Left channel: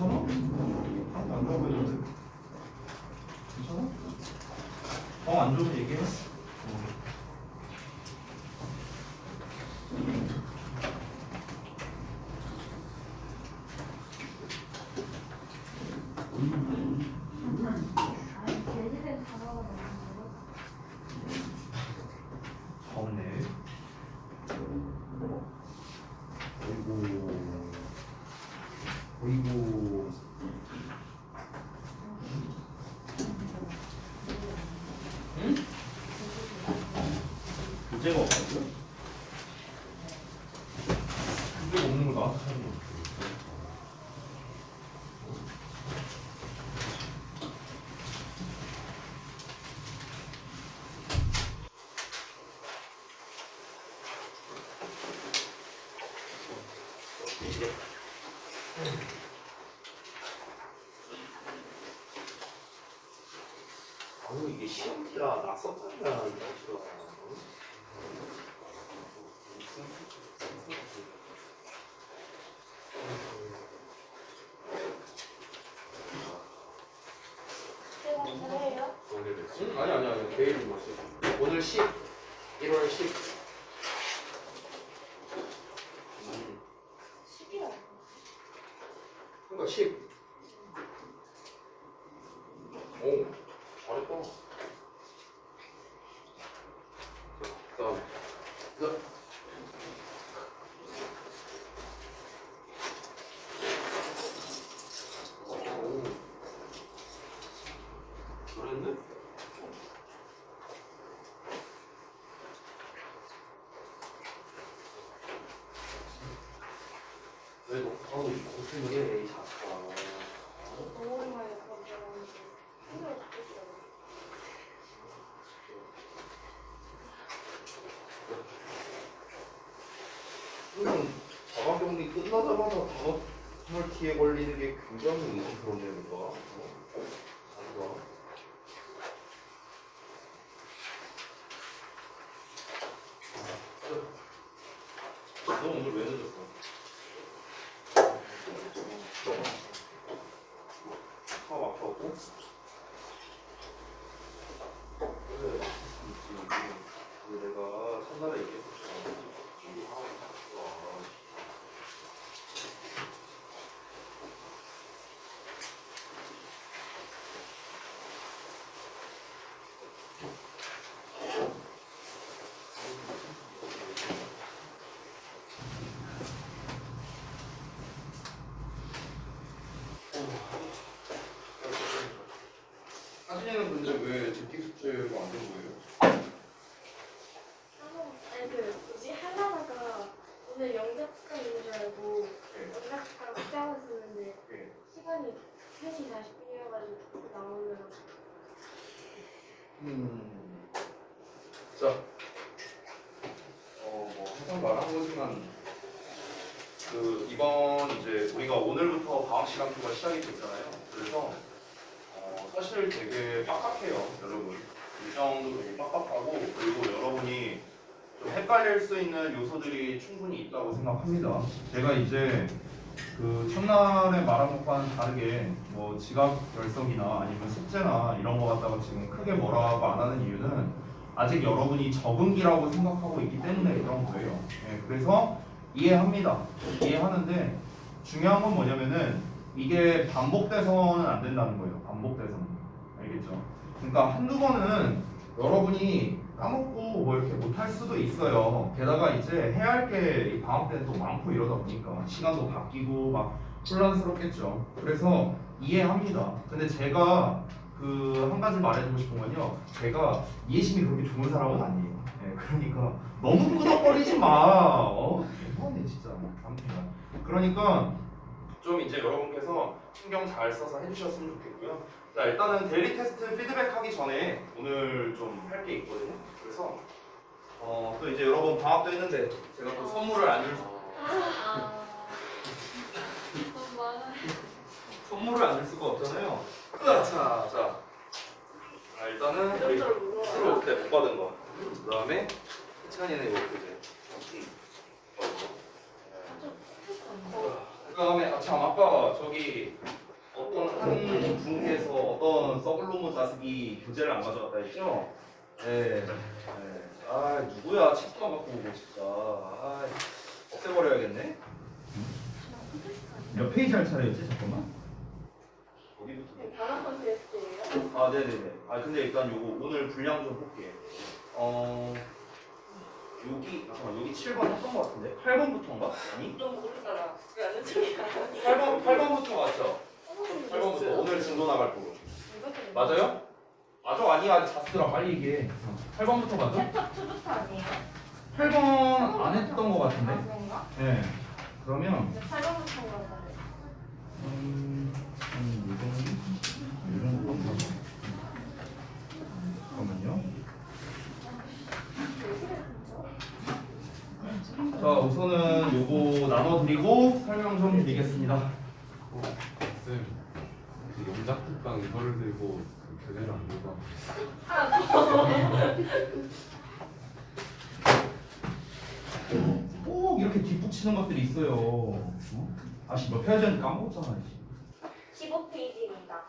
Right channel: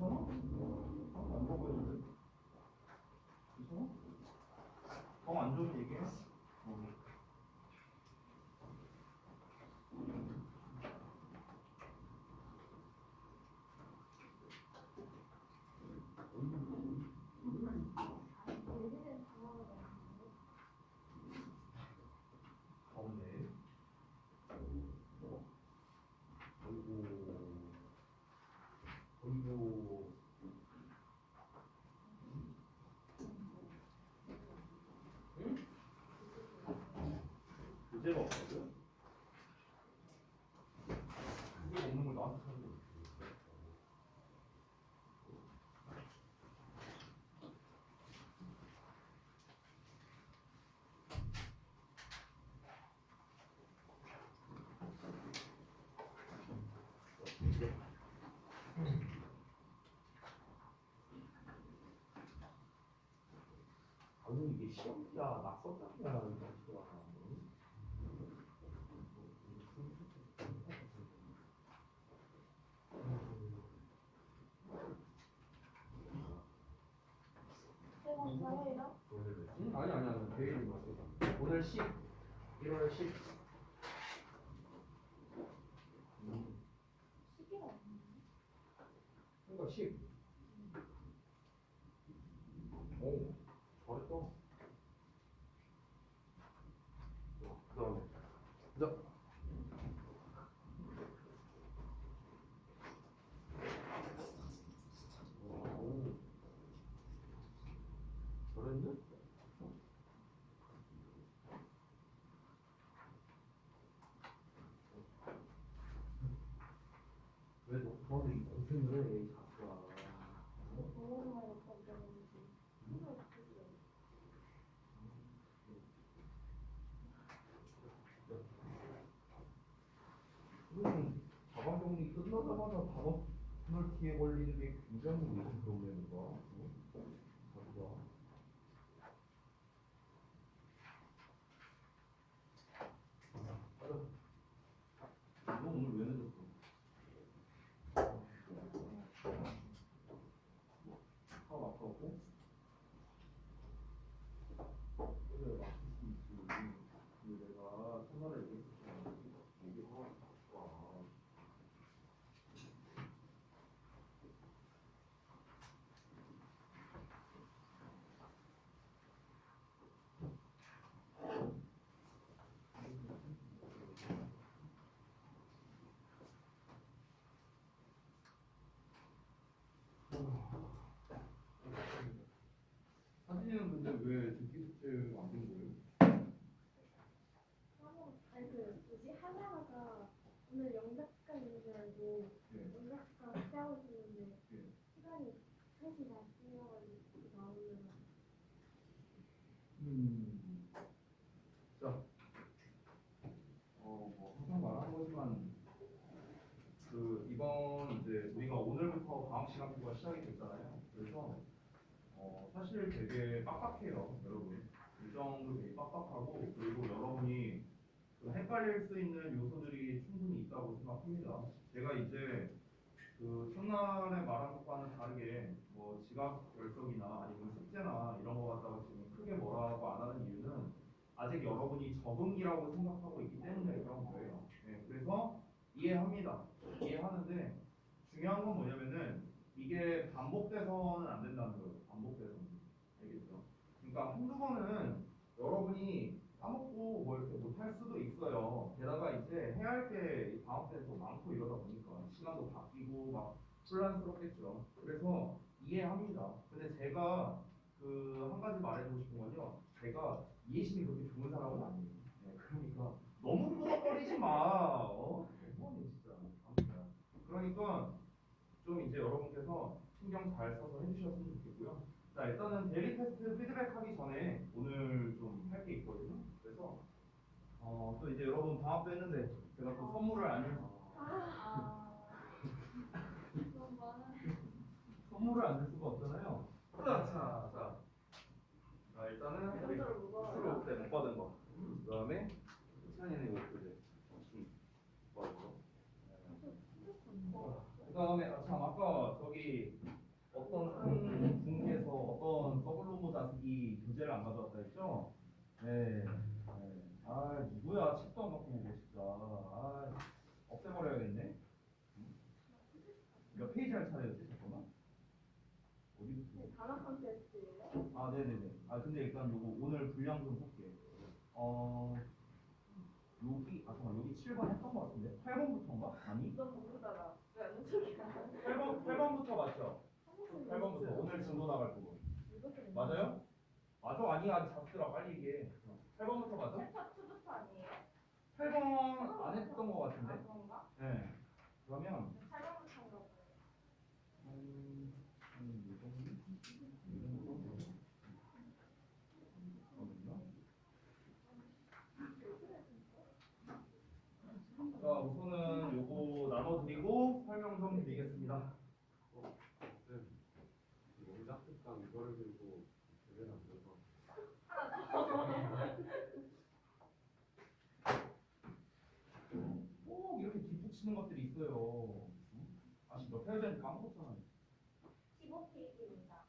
괜찮아? 하나도 안 좋아 보이는데? 괜찮아? 안 좋으면 얘기해. 없네. 어이구. 응? 교재가 없다고요? 교재가 없는 걸 나한테 찾는 거. 이게 시험지야 낯섰잖아 이 자식아. 응? 아니 내일은 뭐 쓰지? 오늘 10 1월 10 그러니까 10 오 잘했다. 그 다음에 오 잘했네? 왜 녹화하고 이 고생을 해 이 자식아. 자가격리 끝나자마자 다이어트에 걸리는 게 굉장히 의심스럽네요, 누가. 자기가. 너 오늘 왜 늦었어? 화 아파갖고? 그래. 내가 첫날에 얘기했었잖아. 이게 하고 있어. 하진이는 근데 왜 듣기 숙제가 안 된 거예요? 하나다가 오늘 영작가 있는 줄 알고 네. 영작가랑 붙잡아 쓰는데 네. 시간이 3시 40분이어가지고 나오느라고. 자, 뭐 항상 말한 거지만 이번 이제 우리가 오늘부터 방학 시간표가 시작이 됐잖아요. 그래서 사실 되게 빡빡해요, 여러분. 일정도 되게 빡빡하고 그리고 여러분이 좀 헷갈릴 수 있는 요소들이 충분히 있다고 생각합니다. 제가 이제 첫날에 말한 것과는 다르게 뭐 지각 결석이나 아니면 숙제나 이런 거 갖다가 지금 크게 뭐라고 안 하는 이유는 아직 여러분이 적응기라고 생각하고 있기 때문에 그런 거예요. 네, 그래서 이해합니다. 이해하는데 중요한 건 뭐냐면은 이게 반복돼서는 안 된다는 거예요. 반복돼서는. 알겠죠? 그러니까 한두 번은 여러분이 까먹고 뭐 이렇게 못할 수도 있어요. 게다가 이제 해야 할 게 방학 때는 또 많고 이러다 보니까 시간도 바뀌고 막 혼란스럽겠죠. 그래서 이해합니다. 근데 제가 한 가지 말해주고 싶은 건요. 제가 이해심이 그렇게 좋은 사람은 아니에요. 네, 그러니까 너무 끄덕거리지 마. 대단해 진짜. 아무튼 그러니까 좀 이제 여러분께서 신경 잘 써서 해주셨으면 좋겠고요. 자, 일단은 데일리 테스트 피드백 하기 전에 오늘 좀 할 게 있거든요. 그래서 또 이제 여러분 방학도 했는데 제가 또 선물을 안 줄 선물을 안 줄 수가 없잖아요. 자, 일단은 우리 스스로 그때 못 받은 거. 그 다음에 희찬이는 이거 그제. 그 다음에 참 아까 저기 어떤 한 분께서 어떤 서블로모 자습이 교재를 안 가져왔다 했죠? 네. 아 누구야? 책도 안 갖고 오고 진짜. 아 없애버려야겠네. 몇 페이지 할 차례였지? 잠깐만. 어디부터? 단어 콘테스트예요? 아 네네네. 아 근데 일단 요거 오늘 분량 좀 볼게. 여기 잠깐만 여기 7번 했던 것 같은데 8번부터인가? 아니? 너 모르잖아. 왜 아는 척이야? 8번부터 맞죠? 8번부터 오늘 진도 나갈 거로. 맞아요? 맞아 아니야 자스들아 빨리 얘기해. 8번부터 맞아? 챕터 2부터 아니에요? 8번 안 했던 것 같은데? 아 그런가? 네. 그러면 8번부터인가 봐요. 이런 거 잠깐만요. 자 우선은 요거 나눠드리고 설명 좀 드리겠습니다. 쌤, 그 영작 특강 이거를 들고 그 교재를 안 들고 꼭 이렇게 뒷북치는 것들이 있어요. 아씨 몇 페이지인지 까먹었잖아. 15페이지입니다.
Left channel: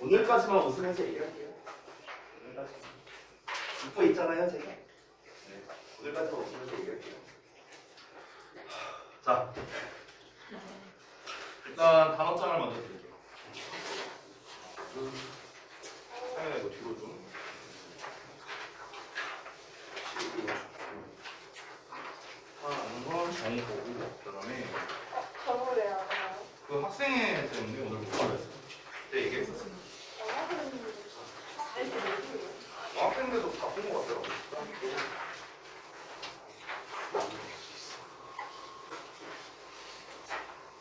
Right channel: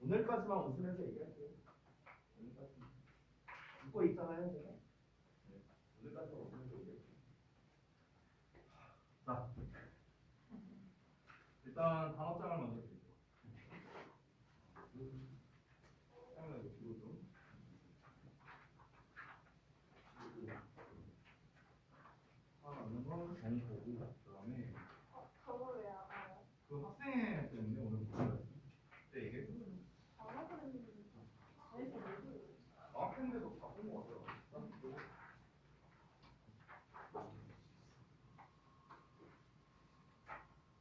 오늘까지만 웃으면서 얘기할게요. 오늘까지만. 웃고 있잖아요, 제가. 네. 오늘까지만 웃으면서 얘기할게요. 자, 일단 단어장을 먼저 드릴게요. 이거 뒤로 좀. 하는 건 정의 보고, 그다음에 저를 왜 알아요? 그 학생회 때문에 오늘 못 가겠어요. 그때 얘기했었어요. 학생들도 바쁜 것 같더라고요.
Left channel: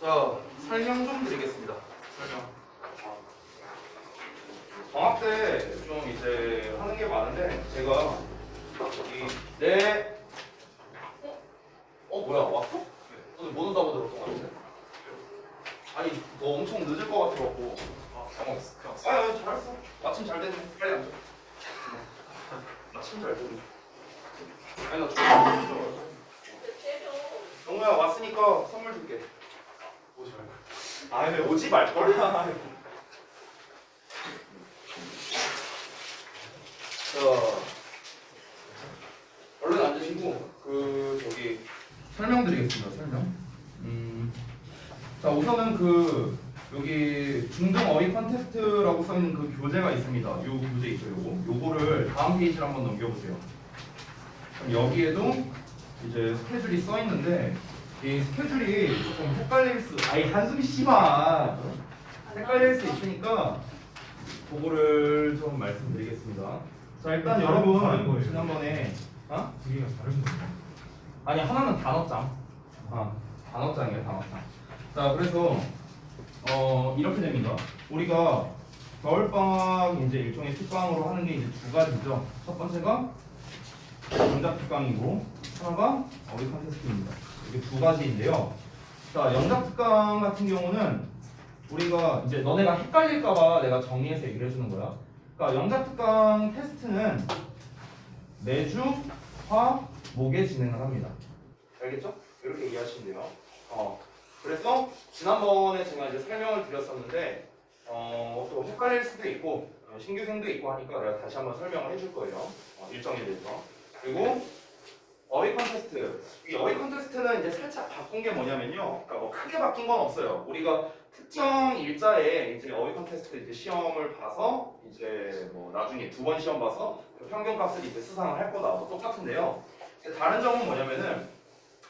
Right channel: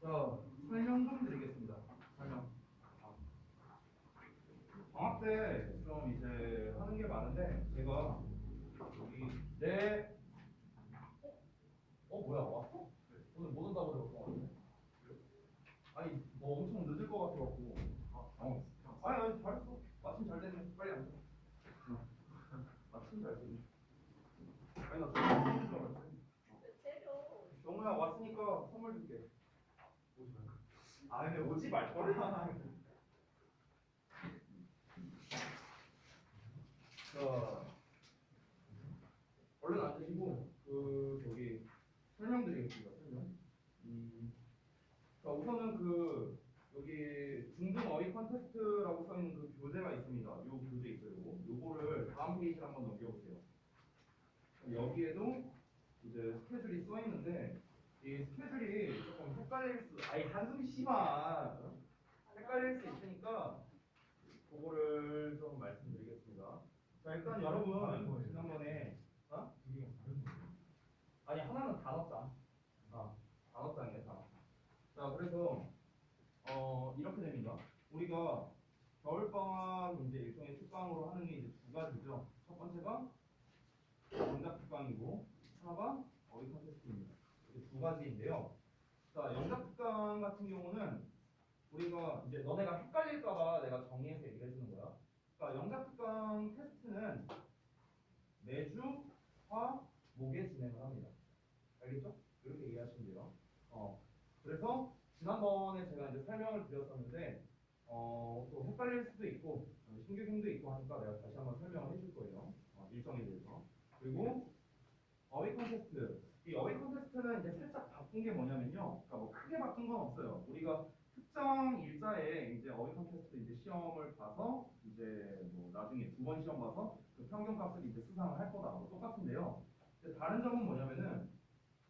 자, 설명 좀 드리겠습니다. 설명. 방학 때 좀 이제 하는 게 많은데 제가 여기 뭐야 왔어? 오늘 못 온다고 들었던 것 같은데. 아니 너 엄청 늦을 것 같아갖고. 당황했어. 잘했어. 마침 잘 됐네. 빨리 앉아. 마침 잘 됐네. 아니 나 좀. 영우야 왔으니까 선물 줄게. 오지 말고. 아니 왜 오지 말걸? 자, 얼른 앉으시고 저기 설명드리겠습니다. 설명. 자 우선은 여기 중등 어휘 컨테스트라고 써 있는 그 교재가 있습니다. 요 교재 있어요. 요거를 다음 페이지를 한번 넘겨보세요. 그럼 여기에도 이제 스케줄이 써 있는데 이 스케줄이 조금 헷갈릴 수, 한숨 쉬마 헷갈릴 수 있으니까 그거를 좀 말씀드리겠습니다. 자 일단 다른 여러분 거예요. 지난번에 두 개가 다른 거예요. 아니 하나는 단어장, 단어장이에요 단어장. 자 그래서 이렇게 됩니다. 우리가 겨울방학 이제 일종의 특강으로 하는 게 이제 두 가지죠. 첫 번째가 영작 특강이고 하나가 어휘 컨테스트입니다. 이게 두 가지인데요. 자 영작 특강 같은 경우는 우리가 이제 너네가 헷갈릴까봐 내가 정리해서 얘기를 해주는 거야. 그러니까 영작 특강 테스트는 매주 화, 목에 진행을 합니다. 알겠죠? 이렇게 이해하시면 돼요. 그래서 지난번에 제가 이제 설명을 드렸었는데 또 헷갈릴 수도 있고 신규생도 있고 하니까 내가 다시 한번 설명을 해줄 거예요. 일정에 대해서. 그리고 어휘 컨테스트. 이 어휘 컨테스트는 이제 살짝 바꾼 게 뭐냐면요. 그러니까 뭐 크게 바뀐 건 없어요. 우리가 특정 일자에 이제 어휘 컨테스트 이제 시험을 봐서 이제 뭐 나중에 두 번 시험 봐서 그 평균값을 이제 수상을 할 거다. 뭐 똑같은데요. 다른 점은 뭐냐면은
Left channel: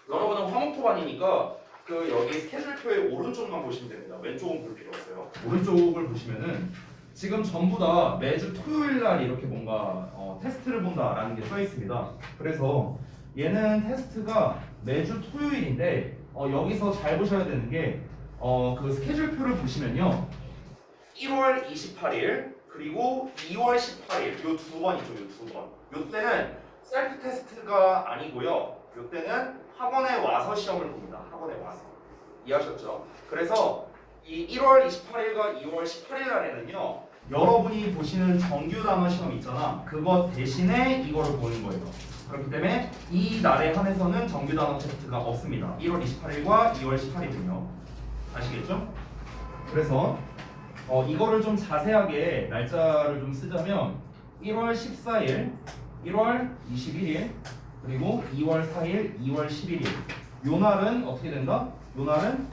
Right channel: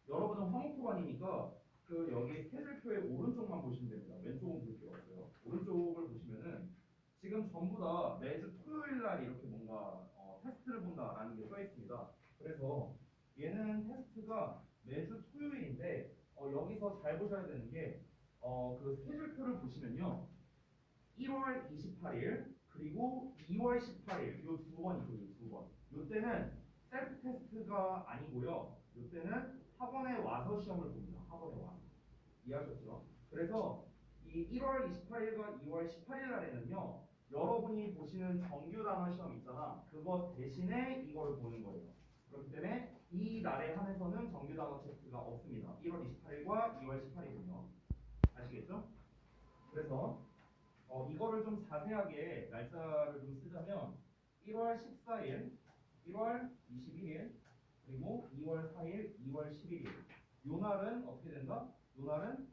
여러분은 화목토반이니까 여기 스케줄표의 오른쪽만 보시면 됩니다. 왼쪽은 볼 필요 없어요. 오른쪽을 보시면은 지금 전부 다 매주 토요일 날 이렇게 뭔가 테스트를 본다라는 게 써 있습니다. 그래서 얘는 테스트가 매주 토요일인데 여기서 잘 보셔야 되는 게 그 스케줄표를 보시면요. 1월 28일 그리고 2월 18일 요 두 번이죠. 요 두 번. 요 때는 셀프 테스트가 아니고요. 요 때는 학원에 와서 시험을 봅니다. 학원에 와서. 이해하셨죠? 그래서 이 1월 28일과 2월 18일 날에는요. 여러분이 보시는 정규 단어 시험 있잖아. 그것 대신에 이거를 보는 거예요. 그렇기 때문에 이 날에 한해서는 정규 단어 테스트가 없습니다. 1월 28일과 2월 18일은요. 아시겠죠? 그래서 이거를 좀 자세하게 날짜를 좀 쓰자면 1월 14일, 1월 21일, 그리고 2월 4일, 2월 11일. 요 날은 어떻게 된다? 요 날은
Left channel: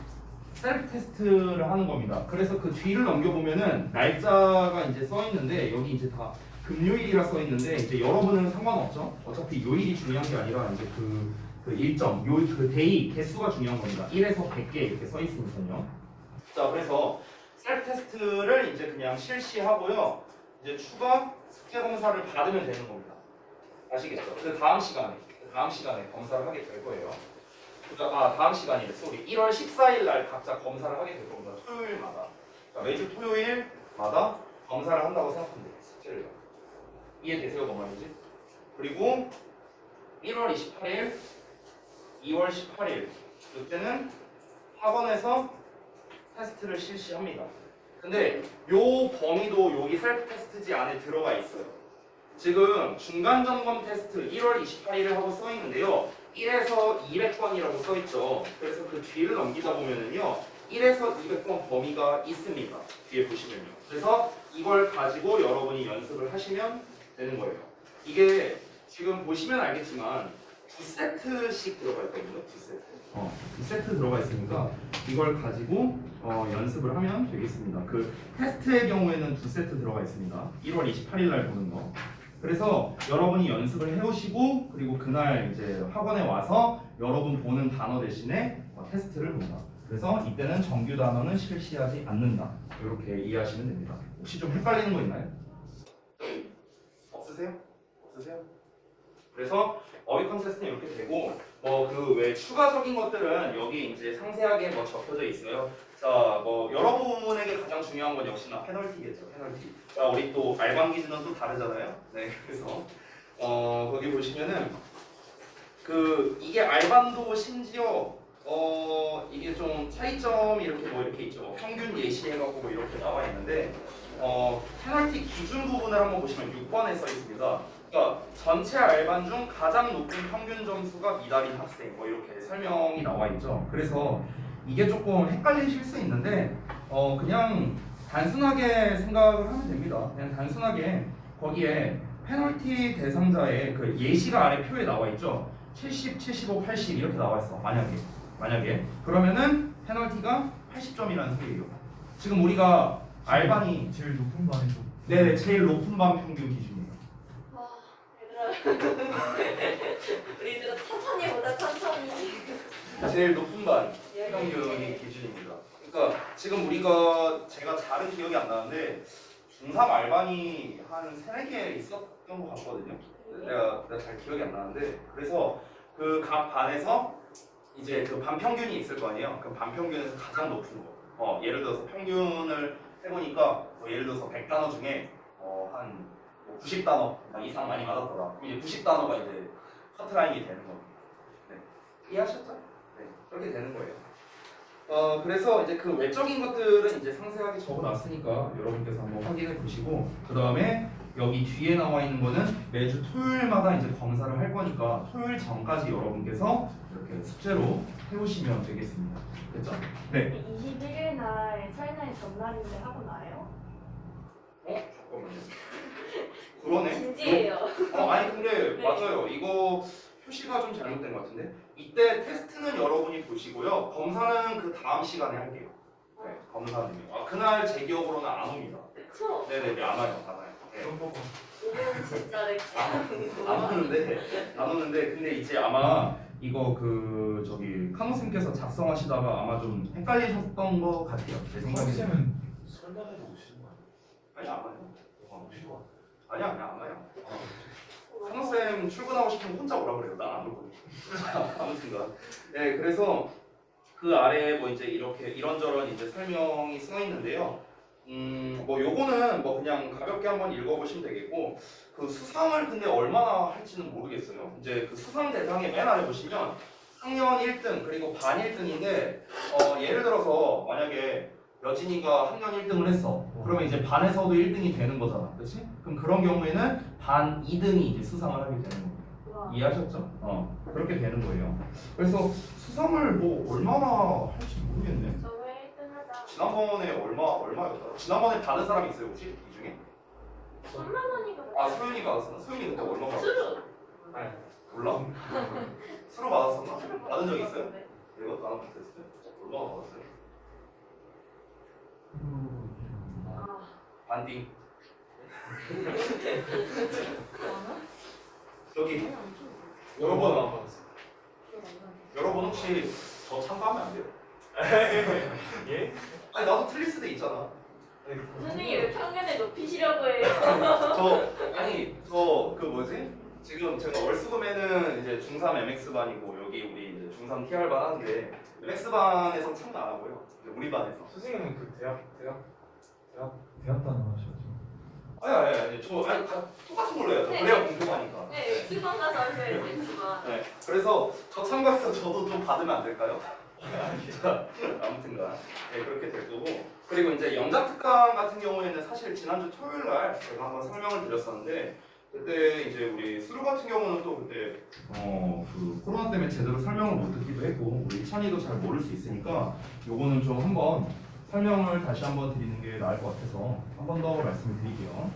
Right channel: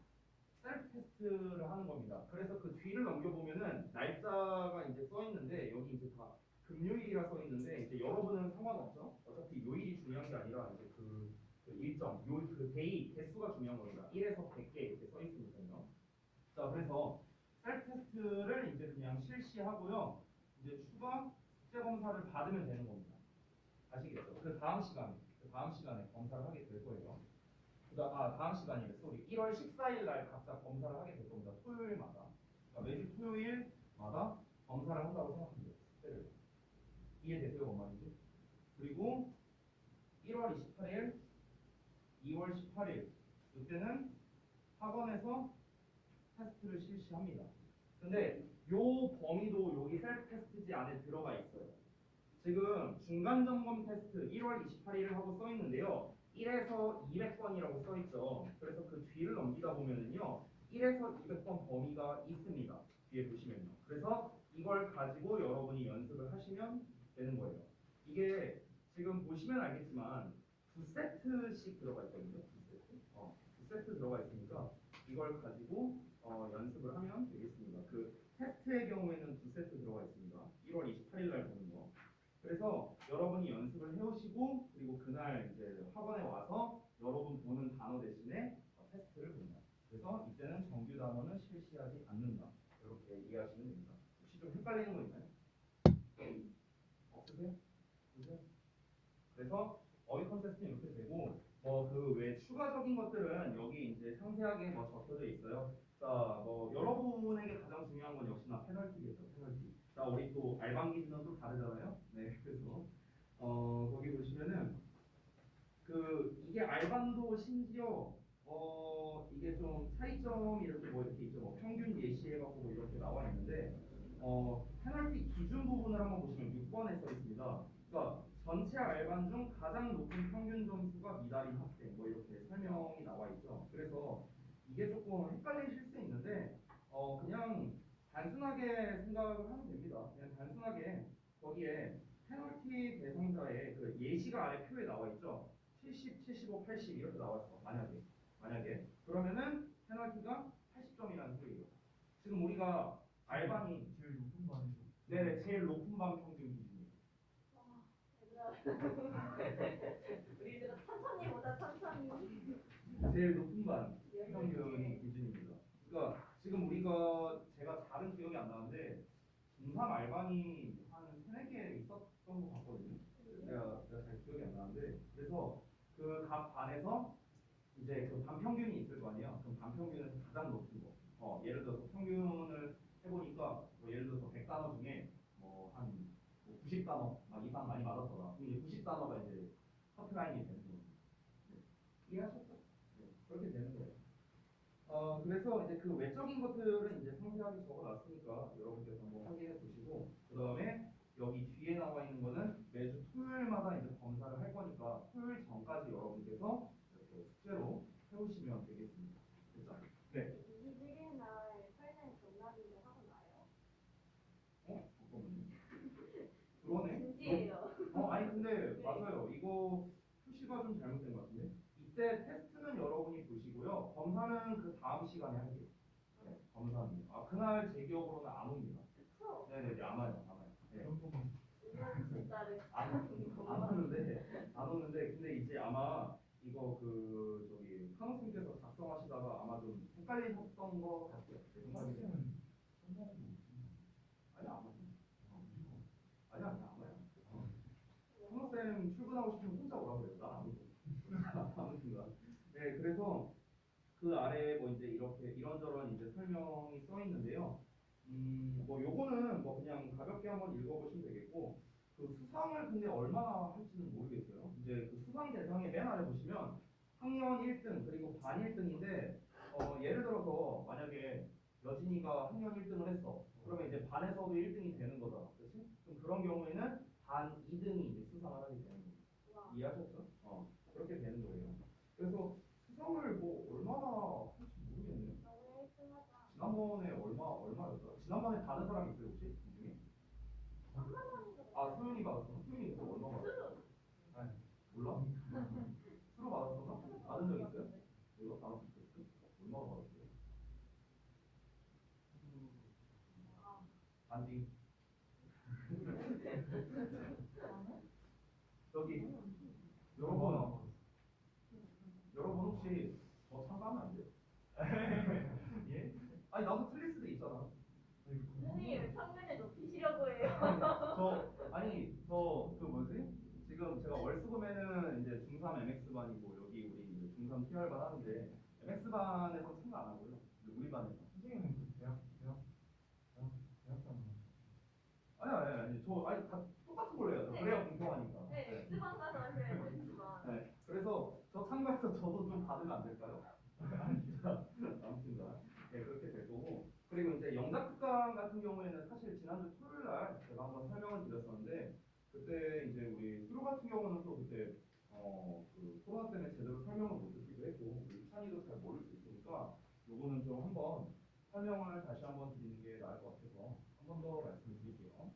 셀프 테스트를 하는 겁니다. 그래서 그 뒤를 넘겨보면은 날짜가 이제 써 있는데 여기 이제 다 금요일이라 써 있는데 이제 여러분은 상관없죠. 어차피 요일이 중요한 게 아니라 이제 그 일정, 그 데이 개수가 중요한 겁니다. 1에서 100개 이렇게 써 있으니까요. 자, 그래서 셀프 테스트를 이제 그냥 실시하고요. 이제 추가 숙제 검사를 받으면 되는 겁니다. 아시겠죠? 그 다음 시간에 검사를 하게 될 거예요. 다음 시간이래. 쏘리. 1월 14일 날 각자 검사를 하게 될 겁니다. 토요일마다. 그러니까 매주 토요일마다 검사를 한다고 생각하면 돼요. 숙제를. 이해되세요? 뭔 말인지? 그리고 1월 28일, 2월 18일 이때는 학원에서 테스트를 실시합니다. 근데 요 범위도 여기 셀프 테스트지 안에 들어가 있어요. 지금 중간 점검 테스트 1월 28일을 하고 써 있는데요. 1에서 200번이라고 써 있죠. 그래서 그 뒤를 넘기다 보면은요. 1에서 200번 범위가 있습니다. 뒤에 보시면요. 그래서 이걸 가지고 여러분이 연습을 하시면 되는 거예요. 이게 지금 보시면 알겠지만 두 세트씩 들어가 있거든요. 두 세트 들어가 있으니까 이걸 가지고 연습을 하면 되겠습니다. 그 테스트의 경우에는 두 세트 들어가 있습니다. 1월 28일 날 보는 거. 그래서 여러분이 연습을 해오시고 그리고 그날 이제 학원에 와서 여러분 보는 단어 대신에 테스트를 본다. 그래서 이때는 정규 단어는 실시하지 않는다. 이렇게 이해하시면 됩니다. 혹시 좀 헷갈리는 거 있나요? 없으세요? 그래서 어휘 컨테스트는 이렇게 되고 그 외 추가적인 것들은 여기 이제 상세하게 적혀져 있어요. 자, 여러분에게 가장 중요한 건 역시나 페널티겠죠. 페널티. 자, 우리 또 알방 기준은 또 다르잖아요. 네, 그래서 거기 보시면은 이게 알반도 심지어 이게 좀 차이점이 이렇게 있죠. 평균 예시해갖고 이렇게 나와 있는데 페널티 기준 부분을 한번 보시면 6번에 써 있습니다. 그러니까 전체 알반 중 가장 높은 평균 점수가 미달인 학생 이렇게 설명이 나와 있죠. 그래서 이게 조금 헷갈리실 수 있는데 그냥 단순하게 생각을 하면 됩니다. 그냥 단순하게 거기에 페널티 대상자의 그 예시가 아래 표에 나와 있죠. 70, 75, 80 이렇게 나와 있어. 만약에 그러면은 페널티가 80점이라는 소리예요. 지금 우리가 알반이 제일 높은 반이 좀. 네, 제일 높은 반 평균 기준이에요. 와, 얘들아. 우리들은 천천히 보자 천천히. 제일 높은 반 평균이 기준입니다. 그러니까 지금 제가 잘은 기억이 안 나는데 중3 알반이 한 3, 4개 있었던 것 같거든요. 내가 잘 기억이 안 나는데 그래서 그 각 반에서 이제 그 반 평균이 있을 거 아니에요. 그 반 평균에서 가장 높은 거. 예를 들어서 평균을 해보니까 예를 들어서 100단어 중에 한 90단어 이상 많이 맞았더라. 그럼 이제 90단어가 이제 커트라인이 되는 겁니다. 네. 이해하셨죠? 네. 그렇게 되는 거예요. 그래서 이제 그 외적인 것들은 이제 상세하게 적어놨으니까 여러분께서 한번 확인해 보시고 그 다음에 여기 뒤에 나와 있는 거는 매주 토요일마다 이제 검사를 할 거니까 토요일 전까지 여러분께서 이렇게 숙제로 해오시면 되겠습니다. 됐죠? 네. 21일 날 설날 전날인데 하고 나요? 잠깐만요. 그러네. 진지해요. 아니 근데 네. 맞아요. 이거 표시가 좀 잘못된 것 같은데 이때 테스트는 여러분이 보시고요. 검사는 그 다음 시간에 할게요. 네, 검사는요. 그날 제 기억으로는 안 옵니다. 그쵸? 네네네, 안 와요. 네. 그런 거가. 오늘 진짜 렉ция. 안 오는데 근데 이제 아마 이거 저기 칸호쌤께서 작성하시다가 아마 좀 헷갈리셨던 것 같아요. 제 생각에는. 선생님은 설날에도 오시는 거 아니 안 와요. 오실 거 아니야 안 와요. 칸호쌤 출근하고 싶으면 혼자 오라 그래요. 난 안 올 거예요. 아무튼간. 네, 그래서 그 아래에 이제 이렇게 이런저런 이제 설명이 써 있는데요. 요거는 그냥 가볍게 한번 읽어보시면 되겠고 그 수상을 근데 얼마나 할지는 모르겠어요. 이제 그 수상 대상에 맨 아래 보시면 학년 1등 그리고 반 1등인데 예를 들어서 만약에 여진이가 학년 1등을 했어. 그러면 이제 반에서도 1등이 되는 거잖아. 그렇지? 그럼 그런 경우에는 반 2등이 이제 수상을 하게 되는 거예요. 와. 이해하셨죠? 그렇게 되는 거예요. 그래서 수상을 뭐 얼마나 할지 모르겠네. 저왜 1등 하자. 지난번에 얼마였더라? 지난번에 받은 사람이 있어요 혹시 이 중에? 3만 원인가 아 소연이가 받았었나? 소연이 그때 얼마 받았어? 수루. 아니 몰라? 수로 받았었나? 받은 적 있어요? 내가 나랑 비슷했을 때? 얼마 받았어요? 아. 반띵. 여기 여러분 여러분 혹시 저 참가하면 안 돼요? 예? 아니 나도 틀릴 수도 있잖아. 선생님 왜 평균을 높이시려고 해요? 저 그 뭐지? 지금 제가 월수금에는 이제 중3 MX 반이고 여기 우리 이제 중3 TR 반 하는데 MX 반에서 참가 안 하고요. 이제 우리 반에서. 선생님은 그 대학 단어 하셔가지고. 아니 다 똑같은 걸로 해요. 네. 그래야 공평하니까. 네, X번 가서 하셔야지 X번. 네. 그래서 저 참가해서 저도 좀 받으면 안 될까요? 아무튼간 네, 그렇게 될 거고. 그리고 이제 영작 특강 같은 경우에는 사실 지난주 토요일 날 제가 한번 설명을 드렸었는데 그때 이제 우리 수루 같은 경우는 또 그때 그 코로나 때문에 제대로 설명을 못 듣기도 했고 우리 찬이도 잘 모를 수 있으니까 요거는 좀 한번 설명을 다시 한번 드리는 게 나을 것 같아서 한 번 더 말씀을 드릴게요.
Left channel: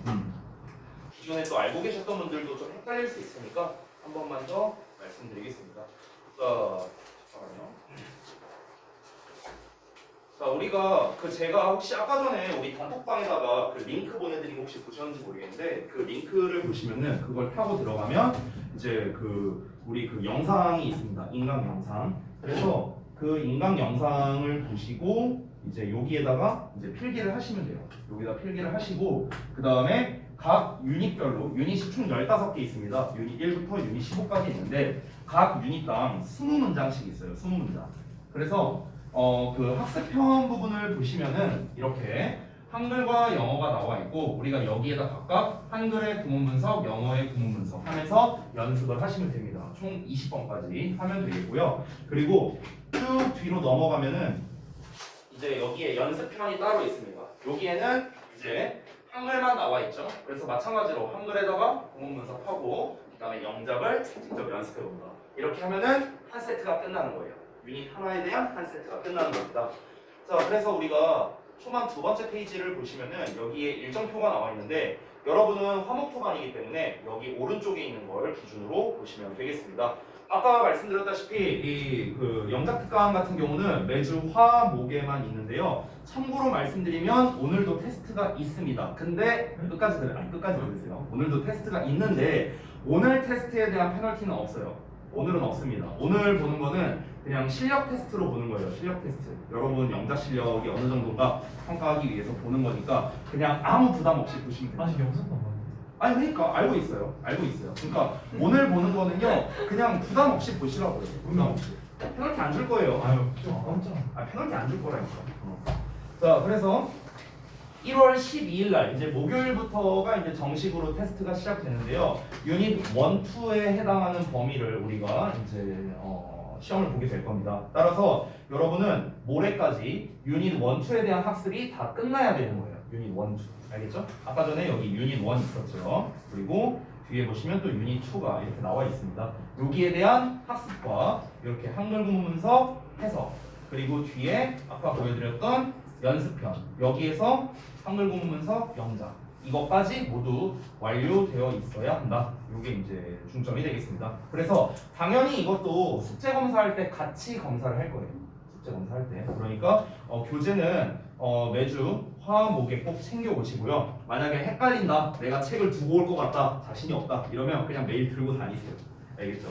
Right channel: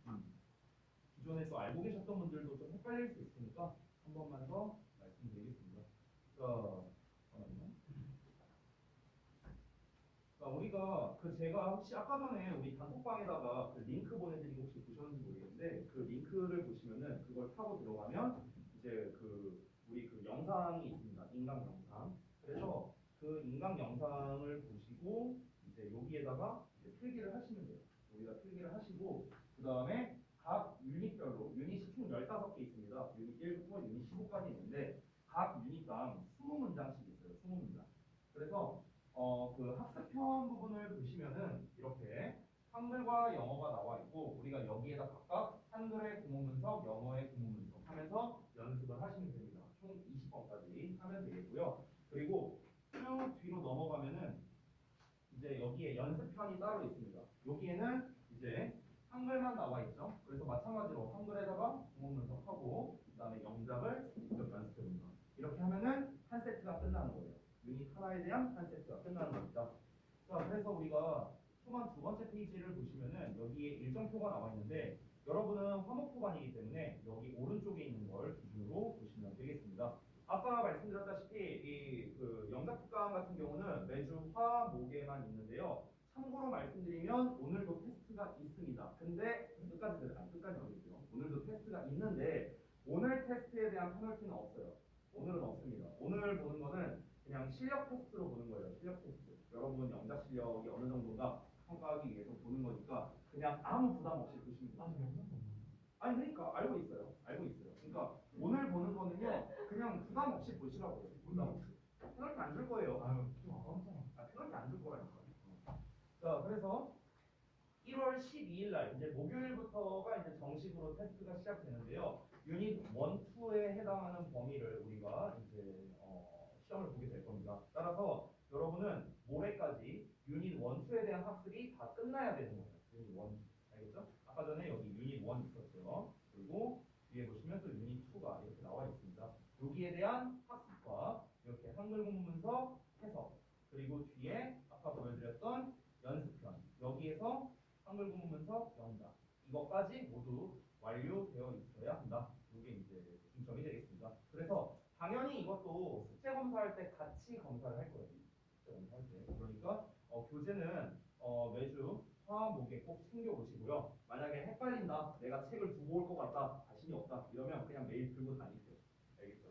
기존에 또 알고 계셨던 분들도 좀 헷갈릴 수 있으니까 한 번만 더 말씀드리겠습니다. 자, 잠깐만요. 자, 우리가 제가 혹시 아까 전에 우리 단톡방에다가 그 링크 보내드린 거 혹시 보셨는지 모르겠는데 그 링크를 보시면은 그걸 타고 들어가면 이제 우리 영상이 있습니다. 인강 영상. 그래서 그 인강 영상을 보시고 이제 여기에다가 이제 필기를 하시면 돼요. 여기다 필기를 하시고 그 다음에 각 유닛별로 유닛이 총 15개 있습니다. 유닛 1부터 유닛 15까지 있는데 각 유닛당 20문장씩 있어요. 20문장. 그래서 그 학습편 부분을 보시면은 이렇게 한글과 영어가 나와 있고 우리가 여기에다 각각 한글의 구문 분석, 영어의 구문 분석 하면서 연습을 하시면 됩니다. 총 20번까지 하면 되겠고요. 그리고 쭉 뒤로 넘어가면은 이제 여기에 연습편이 따로 있습니다. 여기에는 이제 한글만 나와 있죠. 그래서 마찬가지로 한글에다가 구문 분석하고 그다음에 영작을 직접 연습해 봅니다. 이렇게 하면은 한 세트가 끝나는 거예요. 유닛 하나에 대한 한 세트가 끝나는 겁니다. 자, 그래서 우리가 초반 두 번째 페이지를 보시면은 여기에 일정표가 나와 있는데 여러분은 화목토 반이기 때문에 여기 오른쪽에 있는 걸 기준으로 보시면 되겠습니다. 아까 말씀드렸다시피 이 영작 특강 같은 경우는 매주 화, 목에만 있는데요. 참고로 말씀드리면 오늘도 테스트가 있습니다. 근데 끝까지 들으세요. 오늘도 테스트가 있는데 오늘 테스트에 대한 페널티는 없어요. 오늘은 없습니다. 오늘 보는 거는 그냥 실력 테스트로 보는 거예요. 실력 테스트. 여러분 영작 실력이 어느 정도인가 평가하기 위해서 보는 거니까 그냥 아무 부담 없이 보시면 됩니다. 아직 영상도 안 봤는데. 아니 그러니까 알고 있어요. 그러니까 오늘 보는 거는요 그냥 부담 없이 보시라고요. 부담 없이. 페널티 안 줄 거예요. 아유 좀 아깝잖아. 페널티 안 줄 거라니까. 자, 그래서 1월 12일 날 이제 목요일부터가 이제 정식으로 테스트가 시작되는데요. 유닛 1, 2에 해당하는 범위를 우리가 이제 시험을 보게 될 겁니다. 따라서 여러분은 모레까지 유닛 1, 2에 대한 학습이 다 끝나야 되는 거예요. 유닛 1, 2. 알겠죠? 아까 전에 여기 유닛 1 있었죠. 그리고 뒤에 보시면 또 유닛 2가 이렇게 나와 있습니다. 여기에 대한 학습과 이렇게 한글 구문 분석, 해석 그리고 뒤에 아까 보여드렸던 연습편 여기에서 한글 구문 분석, 영작 이것까지 모두 완료되어 있어야 한다. 이게 이제 중점이 되겠습니다. 그래서 당연히 이것도 숙제 검사할 때 같이 검사를 할 거예요. 숙제 검사할 때. 그러니까 교재는 매주 화, 목에 꼭 챙겨 오시고요. 만약에 헷갈린다, 내가 책을 두고 올 것 같다, 자신이 없다 이러면 그냥 매일 들고 다니세요. 알겠죠?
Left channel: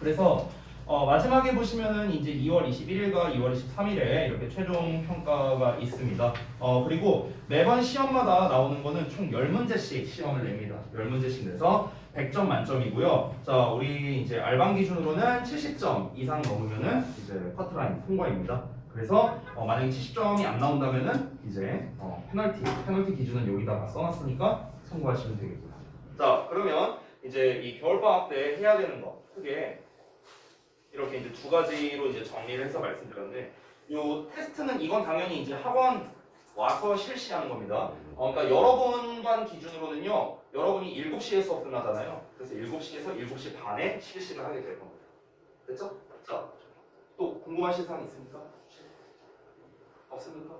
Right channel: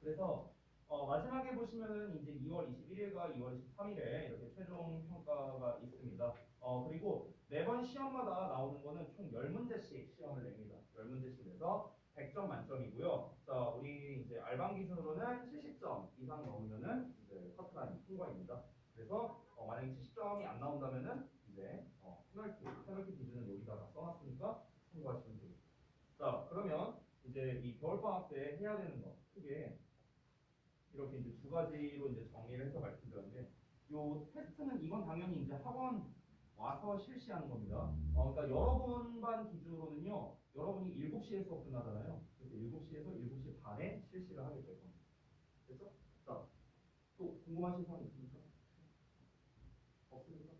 그래서 마지막에 보시면은 이제 2월 21일과 2월 23일에 이렇게 최종 평가가 있습니다. 그리고 매번 시험마다 나오는 거는 총 10문제씩 시험을 냅니다. 10문제씩 내서 100점 만점이고요. 자, 우리 이제 알방 기준으로는 70점 이상 넘으면은 이제 커트라인 통과입니다. 그래서 만약에 70점이 안 나온다면은 이제 페널티 기준은 여기다가 써놨으니까 참고하시면 되겠고요. 자, 그러면 이제 이 겨울방학 때 해야 되는 거 크게 이렇게 이제 두 가지로 이제 정리를 해서 말씀드렸는데 요 테스트는 이건 당연히 이제 학원 와서 실시하는 겁니다. 그러니까 여러분반 기준으로는요. 여러분이 7시에 수업 끝나잖아요. 그래서 7시에서 7시 반에 실시를 하게 될 겁니다. 됐죠? 자, 또 궁금하신 사항 있습니까? 없습니까?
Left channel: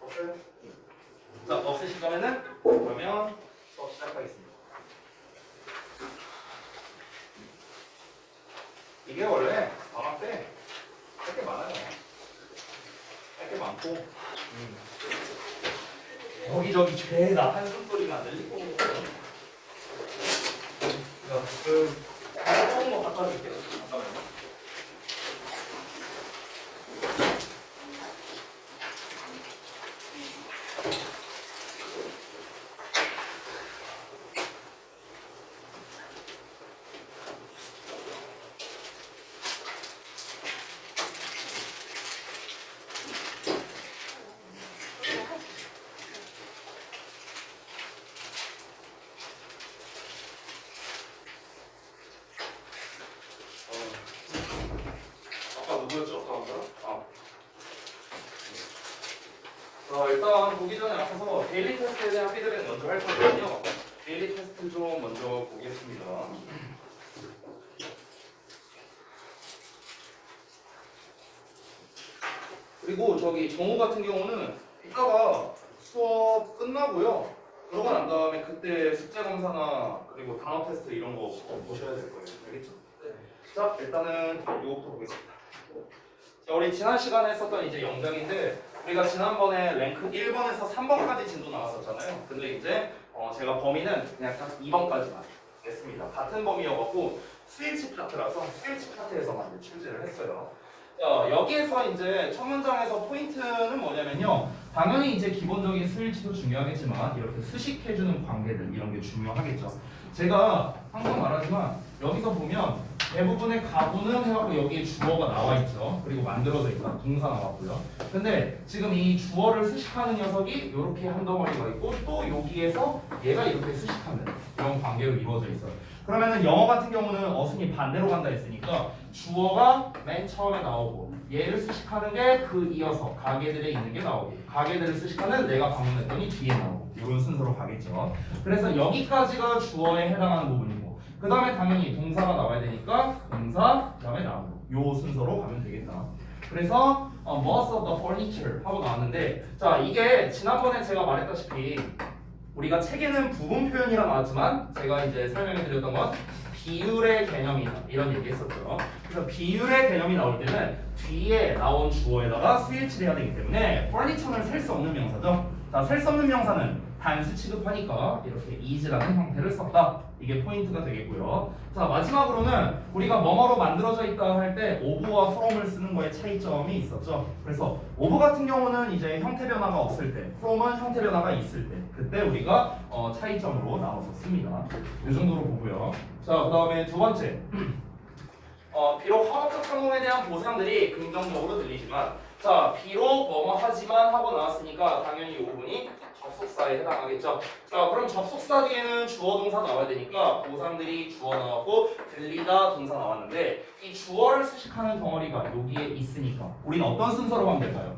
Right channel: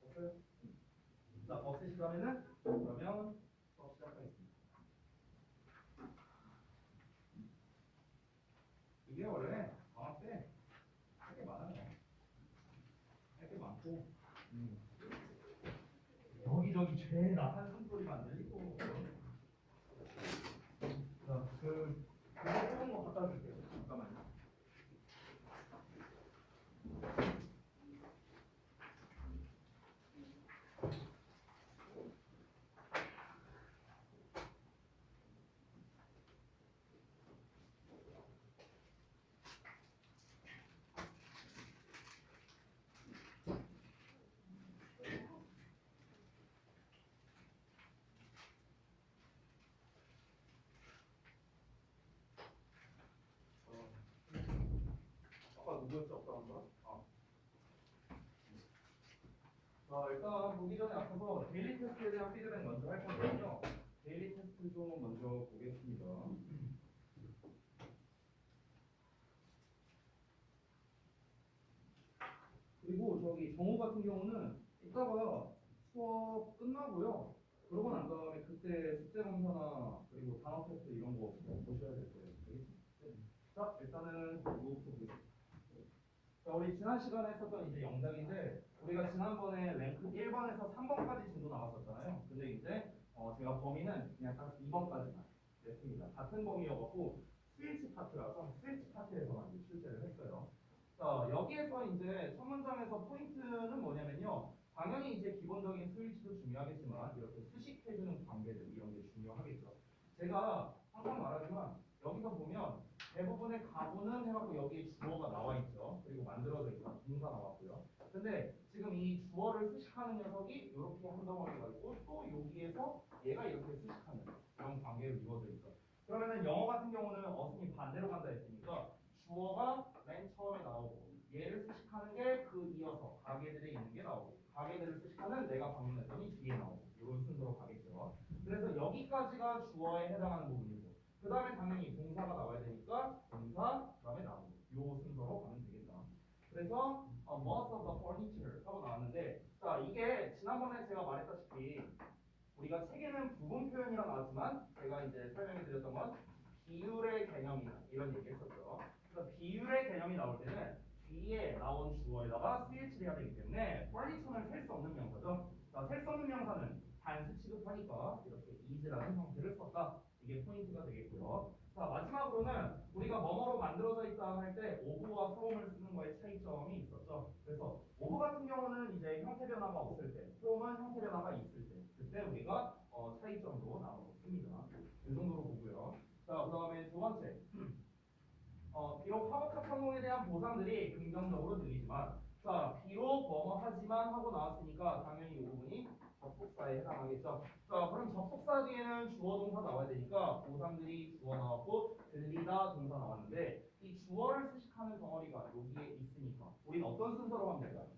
없어요? 자, 없으시다면은 그러면 수업 시작하겠습니다. 이게 원래 방학 때 할 게 많아요. 할 게 많고 여기저기 죄다 한숨 소리가 안 들리고 뜨거운 거 갖다 줄게요. 잠깐만요. 아까 누구였죠? 아까 사람? 일단 보기 전에 앞서서 데일리 테스트에 대한 피드백 먼저 할 거거든요. 데일리 테스트 좀 먼저 보겠습니다. 그리고 저기 정우 같은 경우는 이따가 수업 끝나고요. 그러고 난 다음에 그때 숙제 검사나 그리고 단어 테스트 이런 거 보셔야 될 거예요. 알겠죠? 자, 일단은 이거부터 보겠습니다. 자, 우리 지난 시간에 했었던 이제 영장인데 우리가 지난번에 랭크 1번에서 3번까지 진도 나왔었잖아요. 근데 이제 제가 범위는 그냥 딱 2번까지만 냈습니다. 같은 범위여갖고 스위치 파트라서 스위치 파트에서만 이제 출제를 했어요. 여기에서 이제 첫 문장에서 포인트는 뭐냐면요. 당연히 이제 기본적인 스위치도 중요하겠지만 이렇게 수식해주는 관계들 이런 게 중요하겠죠. 제가 항상 말하지만 여기서 보면 대부분의 가구는 해갖고 여기에 주어가 나와 있죠. 그리고 만들어져 있다. 동사 나왔고요. 근데 지금 이 주어를 수식하는 녀석이 이렇게 한 덩어리가 있고 또 여기에서 얘가 이렇게 수식하는 이런 관계로 이루어져 있어요. 그러면은 영어 같은 경우는 어순이 반대로 간다 했으니까 주어가 맨 처음에 나오고 얘를 수식하는 게 그 이어서 가계들에 있는 게 나오고 가계들을 수식하는 내가 방문했더니 뒤에 나오고 이런 순서로 가겠죠. 그래서 여기까지가 주어에 해당하는 부분이고 그 다음에 당연히 동사가 나와야 되니까 동사 그 다음에 나오고 요 순서로 가면 되겠다. 그래서 most of the furniture 하고 나왔는데 자 이게 지난번에 제가 말했다시피 우리가 책에는 부분 표현이라 나왔지만 제가 이제 설명해 드렸던 건 비율의 개념이다 이런 얘기 했었죠. 그래서 비율의 개념이 나올 때는 뒤에 나온 주어에다가 스위치를 해야 되기 때문에 furniture는 셀 수 없는 명사죠. 자, 셀 수 없는 명사는 단수 취급하니까 이렇게 is라는 형태를 썼다. 이게 포인트가 되겠고요. 자, 마지막으로는 우리가 뭐뭐로 만들어져 있다 할 때 of와 from을 쓰는 거에 차이점이 있었죠. 그래서 of 같은 경우는 이제 형태 변화가 없을 때, from은 형태 변화가 있을 때, 그때 우리가 차이점으로 나눠서 씁니다. 이 정도로 보고요. 자, 그 다음에 두 번째. 비록 학업적 성공에 대한 보상들이 긍정적으로 들리지만, 자, 비록 뭐뭐 하지만 하고 나왔으니까 당연히 이 부분이 접속사에 해당하겠죠. 자, 그럼 접속사 뒤에는 주어 동사 나와야 되니까 보상들이 주어 나왔고 들리다 동사 나왔는데 이 주어를 수식하는 덩어리가 여기에 있으니까 우리는 어떤 순서로 하면 될까요?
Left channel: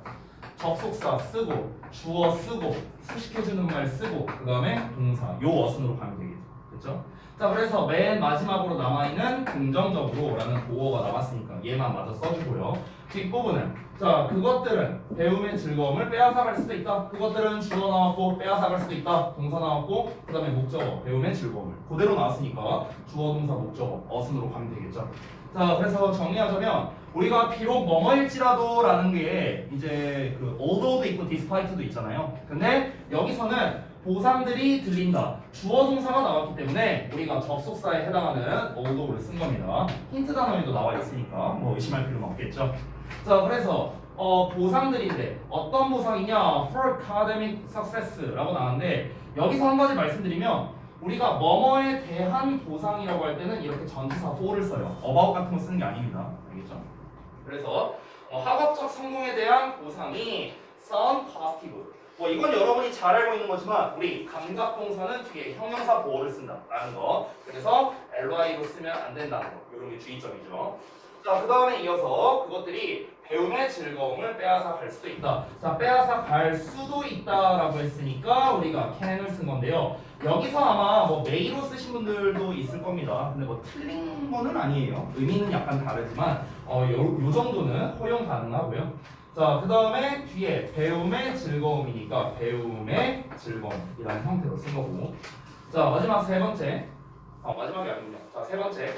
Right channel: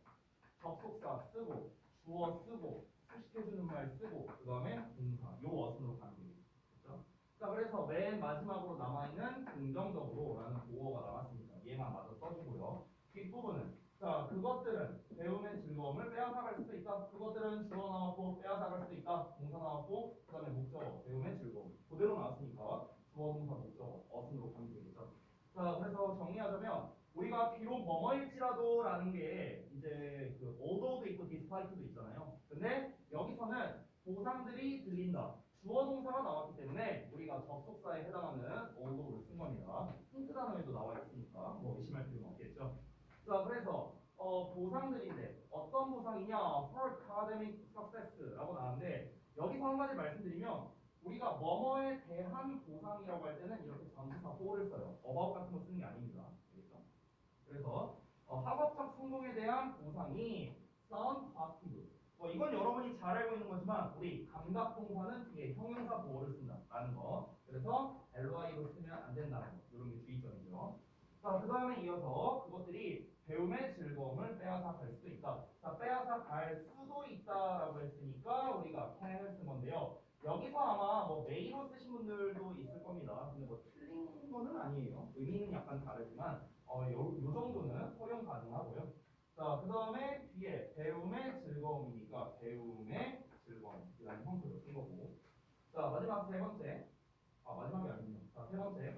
접속사 쓰고 주어 쓰고 수식해주는 말 쓰고 그 다음에 동사 요 어순으로 가면 되겠죠. 그렇죠? 자, 그래서 맨 마지막으로 남아있는 긍정적으로 라는 보어가 남았으니까 얘만 마저 써주고요. 뒷부분은 자, 그것들은 배움의 즐거움을 빼앗아갈 수도 있다. 그것들은 주어 나왔고 빼앗아갈 수도 있다. 동사 나왔고 그 다음에 목적어 배움의 즐거움을 그대로 나왔으니까 주어 동사 목적어 어순으로 가면 되겠죠. 자, 그래서 정리하자면 우리가 비록 뭐뭐일지라도 라는 게 이제 그 although도 있고 despite도 있잖아요. 근데 여기서는 보상들이 들린다. 주어 동사가 나왔기 때문에 우리가 접속사에 해당하는 although를 쓴 겁니다. 힌트 단어에도 나와 있으니까 뭐 의심할 필요는 없겠죠. 자, 그래서 보상들인데 어떤 보상이냐? For academic success라고 나왔는데 여기서 한 가지 말씀드리면 우리가 뭐뭐에 대한 보상이라고 할 때는 이렇게 전치사 for를 써요. about 같은 거 쓰는 게 아닙니다. 알겠죠? 그래서 학업적 성공에 대한 보상이 sound positive. 이건 여러분이 잘 알고 있는 거지만 우리 감각동사는 뒤에 형용사 보호를 쓴다라는 거. 그래서 ly로 쓰면 안 된다는 거. 이런 게 주의점이죠. 자, 그 다음에 이어서 그것들이 배움의 즐거움을 빼앗아 갈 수도 있다. 자, 빼앗아 갈 수도 있다라고 했으니까 우리가 can을 쓴 건데요. 여기서 아마 뭐 may로 쓰신 분들도 있을 겁니다. 근데 뭐 틀린 거는 아니에요. 의미는 약간 다르지만 요 정도는 허용 가능하고요. 자, 그 다음에 뒤에 배움의 즐거움이니까 배움의 즐거움이라는 형태로 쓴 거고. 자, 마지막 세 번째. 마지막이 아니군요. 자, 세 번째.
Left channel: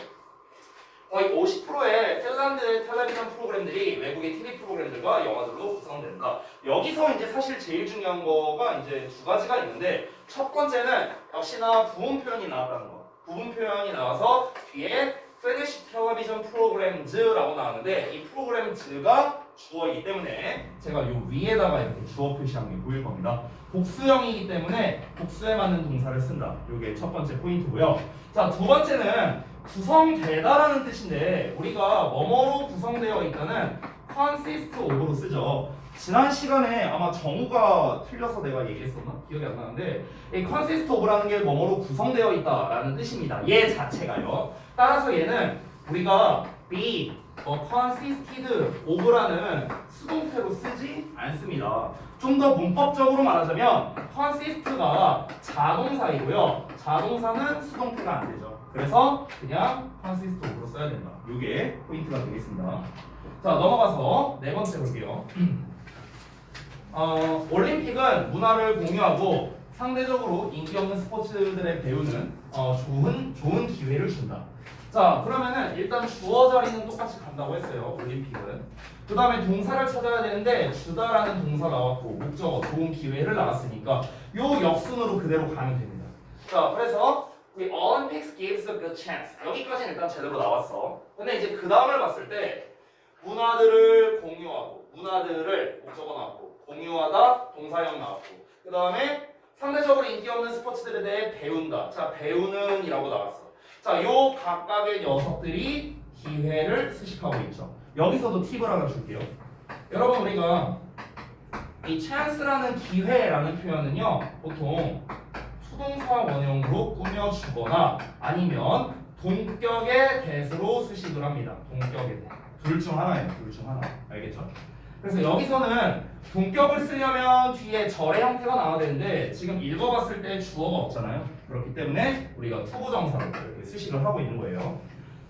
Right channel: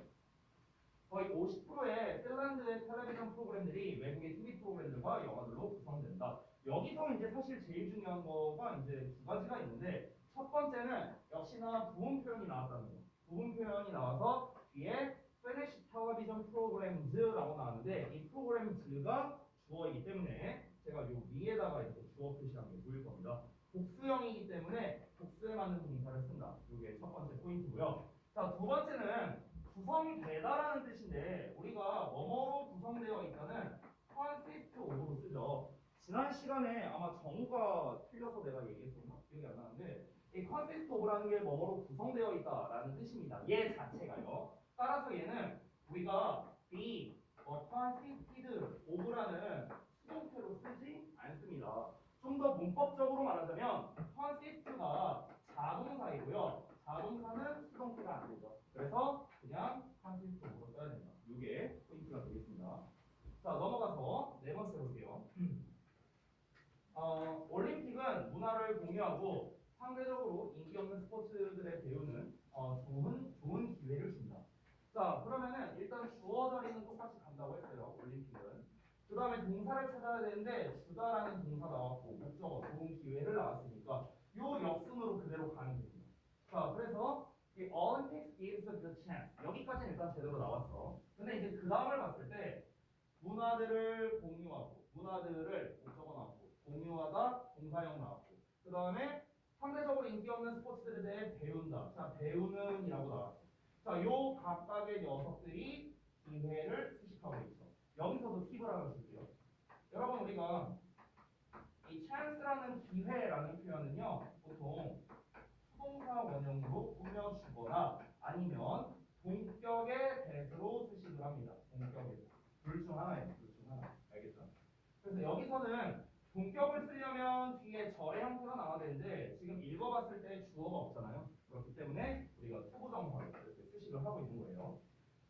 거의 50%의 핀란드 텔레비전 프로그램들이 외국의 TV 프로그램들과 영화들로 구성된다. 여기서 이제 사실 제일 중요한 거가 이제 두 가지가 있는데, 첫 번째는 역시나 부분 표현이 나왔다는 거. 부분 표현이 나와서 뒤에 Finnish Television Programs라고 나왔는데, 이 프로그램즈가 주어이기 때문에 제가 요 위에다가 이렇게 주어 표시한 게 보일 겁니다. 복수형이기 때문에 복수에 맞는 동사를 쓴다. 요게 첫 번째 포인트고요. 자, 두 번째는 구성되다라는 뜻인데, 우리가 뭐뭐로 구성되어 있다는 consist of로 쓰죠. 지난 시간에 아마 정우가 틀려서 내가 얘기했었나? 기억이 안 나는데, 이 consist of라는 게 뭐뭐로 구성되어 있다라는 뜻입니다. 얘 자체가요. 따라서 얘는 우리가 be consisted of라는 수동태로 쓰지 않습니다. 좀 더 문법적으로 말하자면 consist가 자동사이고요. 자동사는 수동태가 안 되죠. 그래서 그냥 consist of로 써야 된다. 이게 포인트가 되겠습니다. 자, 넘어가서 네 번째 볼게요. 올림픽은 문화를 공유하고 상대적으로 인기 없는 스포츠들에 배우는 좋은 기회를 준다. 자, 그러면은 일단 주어 자리는 똑같이 간다고 했어요. 올림픽은. 그 다음에 동사를 찾아야 되는데 주다라는 동사 나왔고 목적어 좋은 기회를 나왔으니까 요 역순으로 그대로 가면 됩니다. 자, 그래서 The Olympics gives a good chance. 여기까지는 일단 제대로 나왔어. 근데 이제 그 다음을 봤을 때 문화들을 공유하고 문화들을 목적어 나왔고 공유하다 동사형 나왔고 그 다음에 상대적으로 인기 없는 스포츠들에 대해 배운다. 자, 배우는 이라고 나왔어. 자, 요 각각의 녀석들이 기회를 수식하고 있죠. 여기서도 팁을 하나 줄게요. 여러분, 우리가 이 chance라는 기회라는 표현은요 보통 수동사 원형으로 꾸며주거나 아니면 동격의 대수로 수식을 합니다. 동격의 대. 둘 중 하나예요. 둘 중 하나. 알겠죠? 그래서 여기서는 동격을 쓰려면 뒤에 절의 형태가 나와야 되는데 지금 읽어봤을 때 주어가 없잖아요. 그렇기 때문에 우리가 투부정사로 이렇게 수식을 하고 있는 거예요.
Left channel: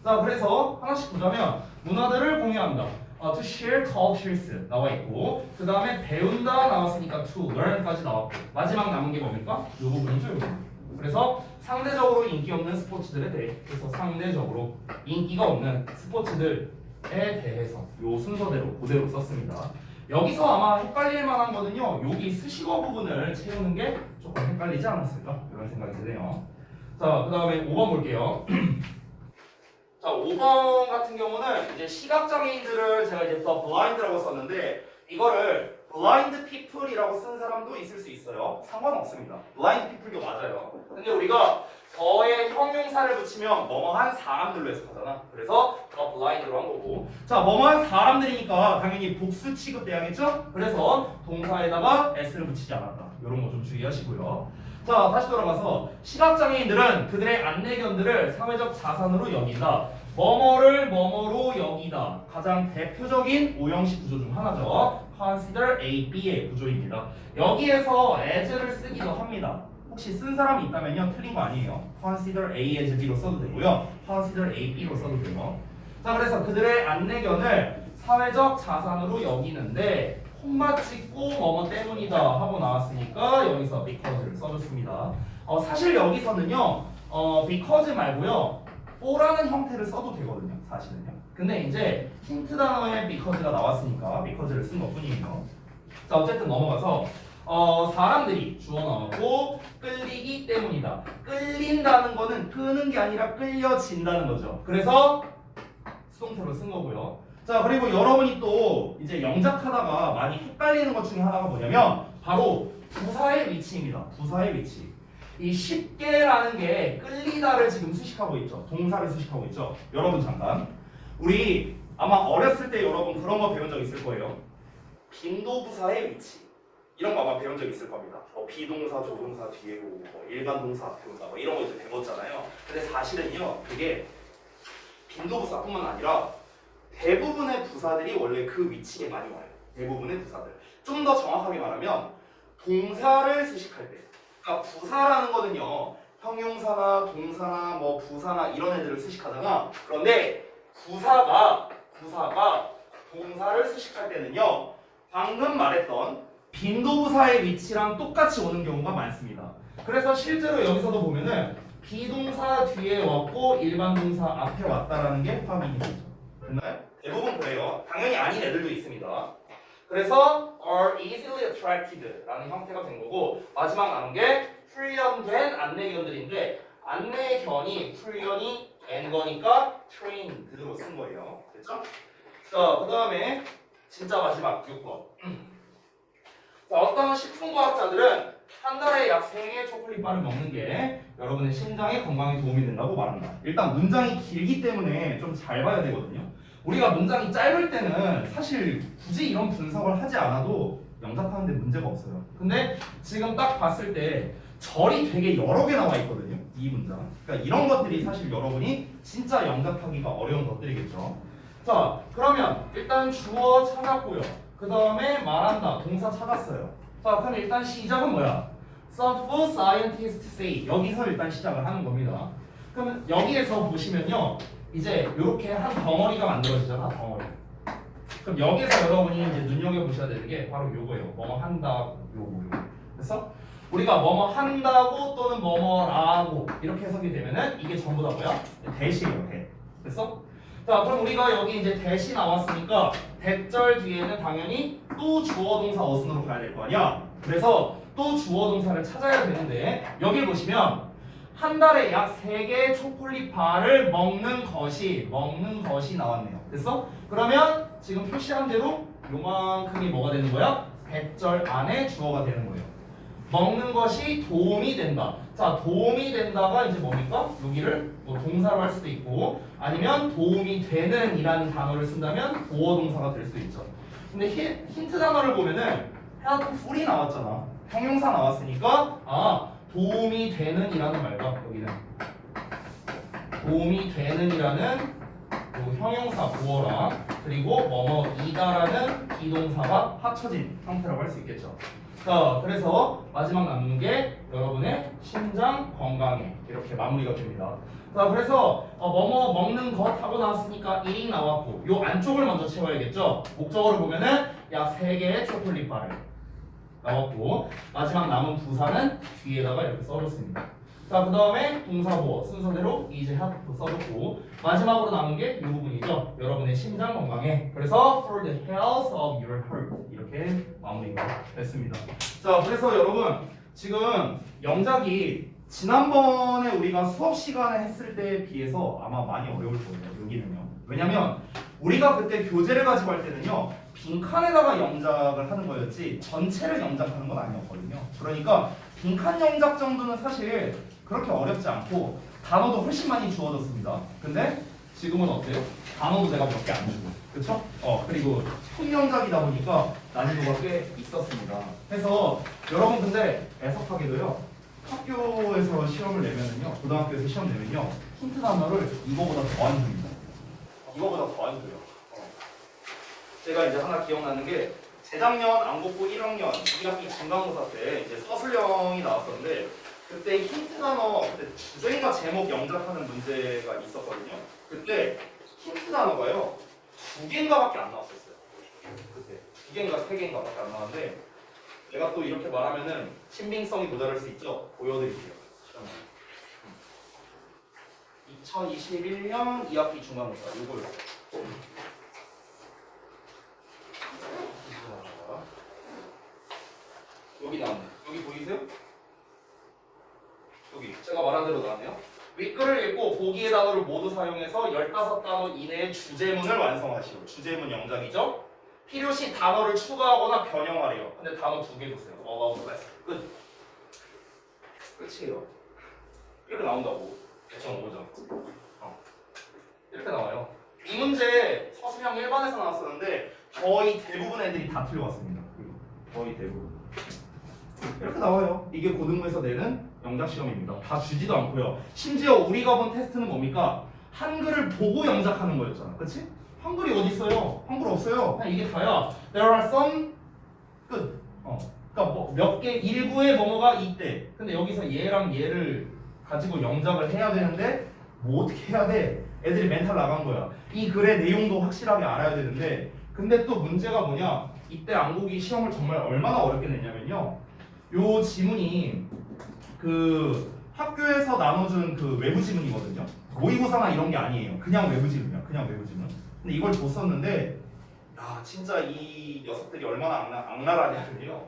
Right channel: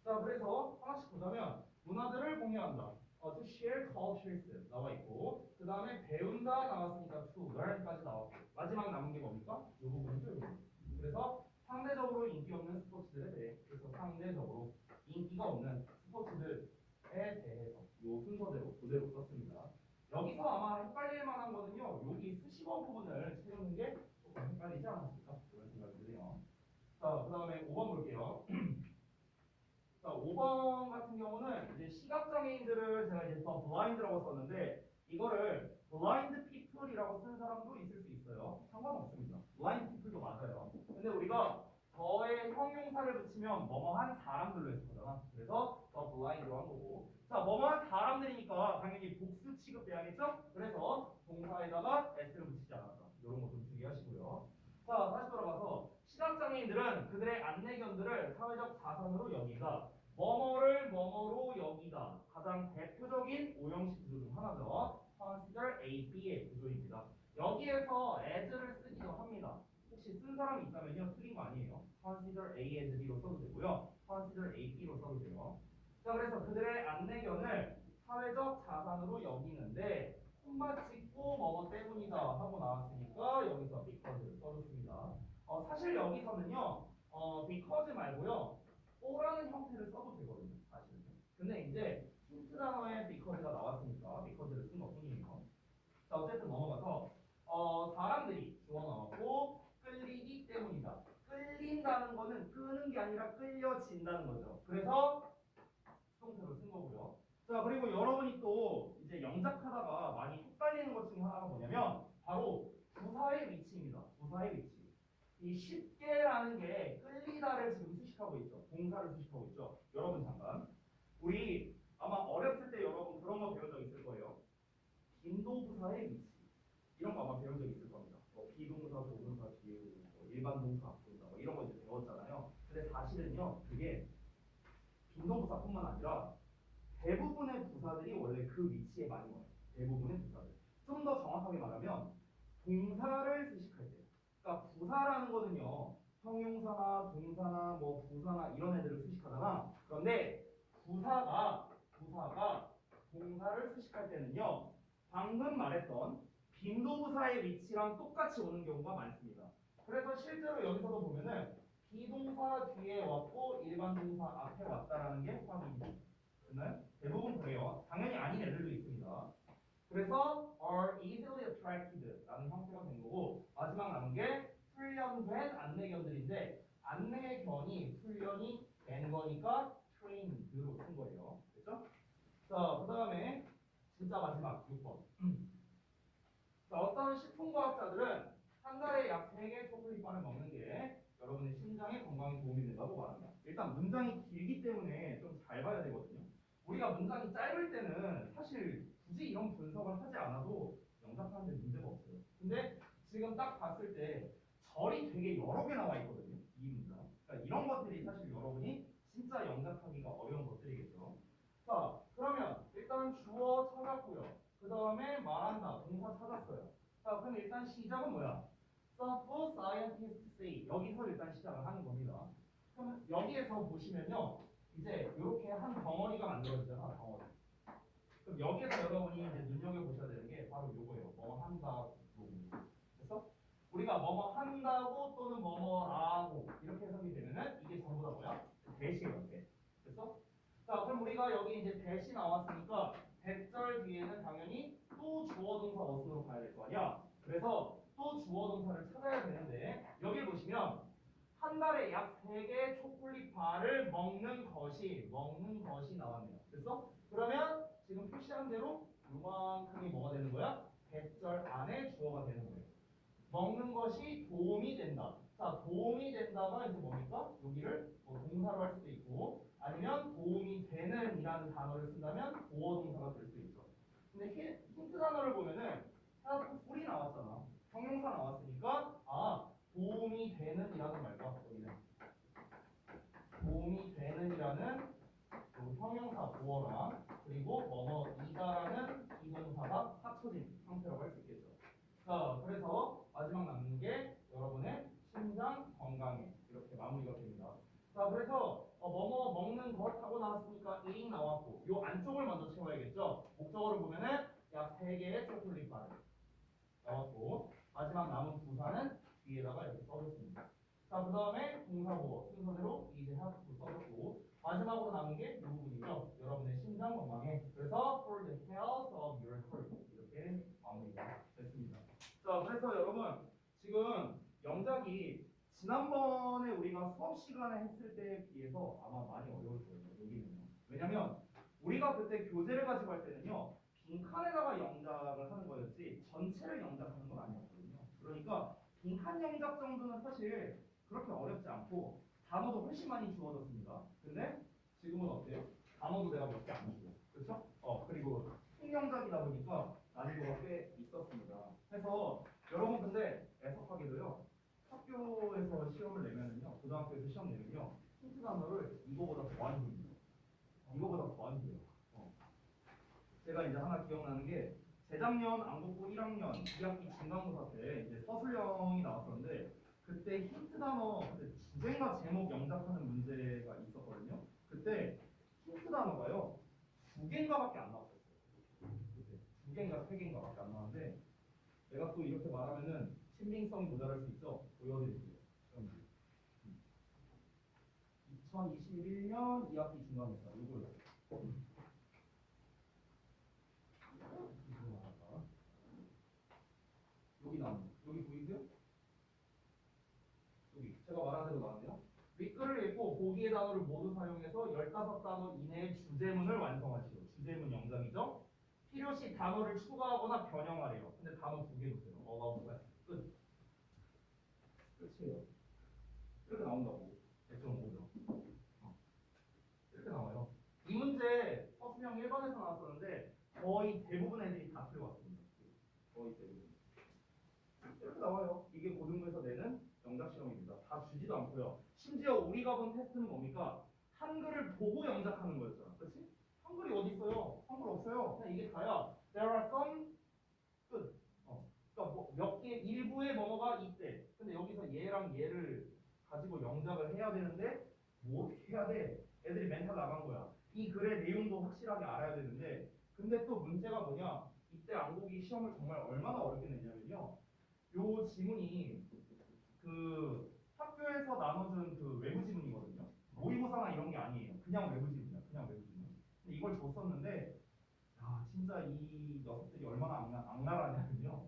자, 그래서 하나씩 보자면 문화들을 공유한다. To share cultures 나와 있고 그 다음에 배운다 나왔으니까 to learn까지 나왔고 마지막 남은 게 뭡니까? 이 부분이죠. 이 부분. 그래서 상대적으로 인기 없는 스포츠들에 대해 그래서 상대적으로 인기가 없는 스포츠들에 대해서 요 순서대로 그대로 썼습니다. 여기서 아마 헷갈릴 만한 거는요. 여기 수식어 부분을 채우는 게 조금 헷갈리지 않았을까? 이런 생각이 드네요. 자, 그 다음에 5번 볼게요. 자, 5번 같은 경우는 이제 시각장애인들을 제가 이제 the blind라고 썼는데 이거를 blind people이라고 쓴 사람도 있을 수 있어요. 상관없습니다. blind people도 맞아요. 근데 우리가 더의 형용사를 붙이면 뭐뭐한 사람들로 해석하잖아. 그래서 the blind로 한 거고. 자, 뭐뭐한 사람들이니까 당연히 복수 취급돼야겠죠? 그래서 동사에다가 s를 붙이지 않았다. 이런 거 좀 주의하시고요. 자, 다시 돌아가서 시각장애인들은 그들의 안내견들을 사회적 자산으로 여긴다. 뭐뭐를 뭐뭐로 여기다. 가장 대표적인 오형식 구조 중 하나죠. Consider A, B의 구조입니다. 여기에서 as를 쓰기도 합니다. 혹시 쓴 사람이 있다면요. 틀린 거 아니에요. Consider A as B로 써도 되고요. Consider A, B로 써도 돼요. 자, 그래서 그들의 안내견을 사회적 자산으로 여기는데 콤마 찍고 뭐뭐 때문이다 하고 나왔으니까 여기서 because를 써줬습니다. 사실 여기서는요 because 말고요 for라는 형태를 써도 되거든요. 사실은요. 근데 이제 힌트 단어에 because가 나왔으니까 because를 쓴 것뿐이에요. 자, 어쨌든 넘어가서 사람들이 주어 나왔고 끌리기 때문이다. 끌린다는 거는 끄는 게 아니라 끌려진다는 거죠. 그래서 수동태로 쓴 거고요. 자, 그리고 여러분이 또 이제 영작하다가 많이 헷갈리는 것 중에 하나가 뭐냐면 바로 부사의 위치입니다. 부사의 위치. 이 쉽게라는 게 끌리다를 지금 수식하고 있죠. 동사를 수식하고 있죠. 여러분 잠깐. 우리 아마 어렸을 때 여러분 그런 거 배운 적 있을 거예요. 빈도부사의 위치. 이런 거 아마 배운 적 있을 겁니다. 비동사, 조동사 뒤에 오고 일반 동사 앞에 온다 이런 거 이제 배웠잖아요. 근데 사실은요 그게 빈도부사뿐만 아니라 대부분의 부사들이 원래 그 위치에 많이 와요. 대부분의 부사들. 좀 더 정확하게 말하면 동사를 수식할 때. 그러니까 부사라는 거는요. 형용사나 동사나 뭐 부사나 이런 애들을 수식하잖아. 그런데 부사가 동사를 수식할 때는요. 방금 말했던 빈도부사의 위치랑 똑같이 오는 경우가 많습니다. 그래서 실제로 여기서도 보면은 비동사 뒤에 왔고 일반 동사 앞에 왔다라는 게 확인이 되죠. 됐나요? 대부분 그래요. 당연히 아닌 애들도 있습니다. 그래서 are easily attracted라는 형태가 된 거고 마지막 남은 게 훈련된 안내견들인데 안내견이 훈련이 된 거니까 trained로 쓴 거예요. 됐죠? 자, 그 다음에 진짜 마지막 6번. 자, 어떤 식품과학자들은 한 달에 약 3개의 초콜릿바를 먹는 게 여러분의 심장의 건강에 도움이 된다고 말합니다. 일단 문장이 길기 때문에 좀 잘 봐야 되거든요. 우리가 문장이 짧을 때는 사실 굳이 이런 분석을 하지 않아도 영작하는데 문제가 없어요. 근데 지금 딱 봤을 때 절이 되게 여러 개 나와 있거든요. 이 문장. 그러니까 이런 것들이 사실 여러분이 진짜 영작하기가 어려운 것들이겠죠. 자, 그러면 일단 주어 찾았고요. 그 다음에 말한다. 동사 찾았어요. 자, 그럼 일단 시작은 뭐야? Some food scientists say. 여기서 일단 시작을 하는 겁니다. 그러면 여기에서 보시면요. 이제 이렇게 한 덩어리가 만들어지잖아. 덩어리. 그럼 여기서 여러분이 이제 눈여겨보셔야 되는 게 바로 요거예요. 뭐뭐 한다, 요거. 그래서 우리가 뭐뭐 한다고 또는 뭐뭐라고 이렇게 해석이 되면은 이게 전부 다 뭐야? 대시예요. 대. 됐어? 자, 그럼 우리가 여기 이제 대시 나왔으니까 대절 뒤에는 당연히 또 주어 동사 어순으로 가야 될 거 아니야? 그래서 또 주어 동사를 찾아야 되는데 여기 보시면 한 달에 약 3개의 초콜릿 바를 먹는 것이 나왔네요. 됐어? 그러면 지금 표시한 대로 요만큼이 뭐가 되는 거야? 대절 안에 주어가 되는 거예요. 먹는 것이 도움이 된다. 자, 도움이 된다가 이제 뭡니까? 여기를 뭐 동사로 할 수도 있고 아니면 도움이 되는 이라는 단어를 쓴다면 보어 동사가 될 수 있죠. 근데 힌트 단어를 보면은 helpful이 나왔잖아. 형용사 나왔으니까 도움이 되는 이라는 말과 여기는 도움이 되는 이라는 요 형용사 보어랑 그리고 뭐뭐이다라는 비동사가 합쳐진 형태라고 할 수 있겠죠. 자, 그래서 마지막 남는 게 여러분의 심장 건강에 이렇게 마무리가 됩니다. 자, 그래서 뭐뭐 먹는 것 하고 나왔으니까 eating 나왔고 요 안쪽을 먼저 채워야겠죠. 목적어를 보면은 약 3개의 초콜릿 바를 나왔고 마지막 남은 부사는 뒤에다가 이렇게 써줬습니다. 자, 그 다음에 동사보어 순서대로 이제 have 써줬고 마지막으로 남은 게 이 부분이죠. 여러분의 심장 건강에. 그래서 for the health of your heart 이렇게 마무리가 됐습니다. 자, 그래서 여러분 지금 영작이 지난번에 우리가 수업 시간에 했을 때에 비해서 아마 많이 어려울 거예요. 여기는요. 왜냐면 우리가 그때 교재를 가지고 할 때는요. 빈칸에다가 영작을 하는 거였지 전체를 영작하는 건 아니었거든요. 그러니까 빈칸 영작 정도는 사실 그렇게 어렵지 않고 단어도 훨씬 많이 주어졌습니다. 근데 지금은 어때요? 단어도 제가 몇 개 안 주고 그쵸? 그리고 총영작이다 보니까 난이도가 꽤 있었습니다. 그래서 여러분 근데 애석하게도요 학교에서 시험을 내면은요 고등학교에서 시험 내면요 힌트 단어를 이거보다 더 안 줍니다. 이거보다 더 안 줘요. 제가 이제 하나 기억나는 게 재작년 안국고 1학년 2학기 중간고사 때 이제 서술형이 나왔었는데 그때 힌트 단어 그때 주제인가 제목 영작하는 문제가 있었거든요. 그때 힌트 단어가요 2개인가밖에 안 나왔었어요. 그때 2개인가 3개인가밖에 안 나왔는데 내가 또 이렇게 말하면은 신빙성이 모자랄 수 있죠. 보여드릴게요. 2021년 2학기 중간고사 이거였어요. 여기 나왔네. 여기 보이세요? 여기 제가 말한 대로 나왔네요. 윗글을 읽고 보기의 단어를 모두 사용해서 15단어 이내의 주제문을 완성하시오. 주제문 영작이죠. 필요시 단어를 추가하거나 변형하래요. 근데 단어 2개 주세요. 끝. 끝이에요. 이렇게 나온다고. 대충 오죠. 이렇게 나와요. 이 문제 서술형 1반에서 나왔었는데 거의 대부분 애들이 다 틀려왔습니다. 거의 대부분. 이렇게 나와요. 이게 고등부에서 내는 영작 시험입니다. 다 주지도 않고요. 심지어 우리가 본 테스트는 뭡니까? 한글을 보고 영작하는 거였잖아. 그치? 한글이 어디 있어요? 한글 없어요. 그냥 이게 다야. There are some 끝. 그러니까 뭐 몇 개 일부의 뭐뭐가 있대. 근데 여기서 얘랑 얘를 가지고 영작을 해야 되는데 뭐 어떻게 해야 돼? 애들이 멘탈 나간 거야. 이 글의 내용도 확실하게 알아야 되는데 근데 또 문제가 뭐냐? 이때 안국이 시험을 정말 얼마나 어렵게 냈냐면요. 요 지문이 그 학교에서 나눠준 그 외부 지문이거든요. 모의고사나 이런 게 아니에요. 그냥 외부 지문이야. 그냥 외부 지문. 근데 이걸 줬었는데 야 진짜 이 녀석들이 얼마나 악랄하냐면요.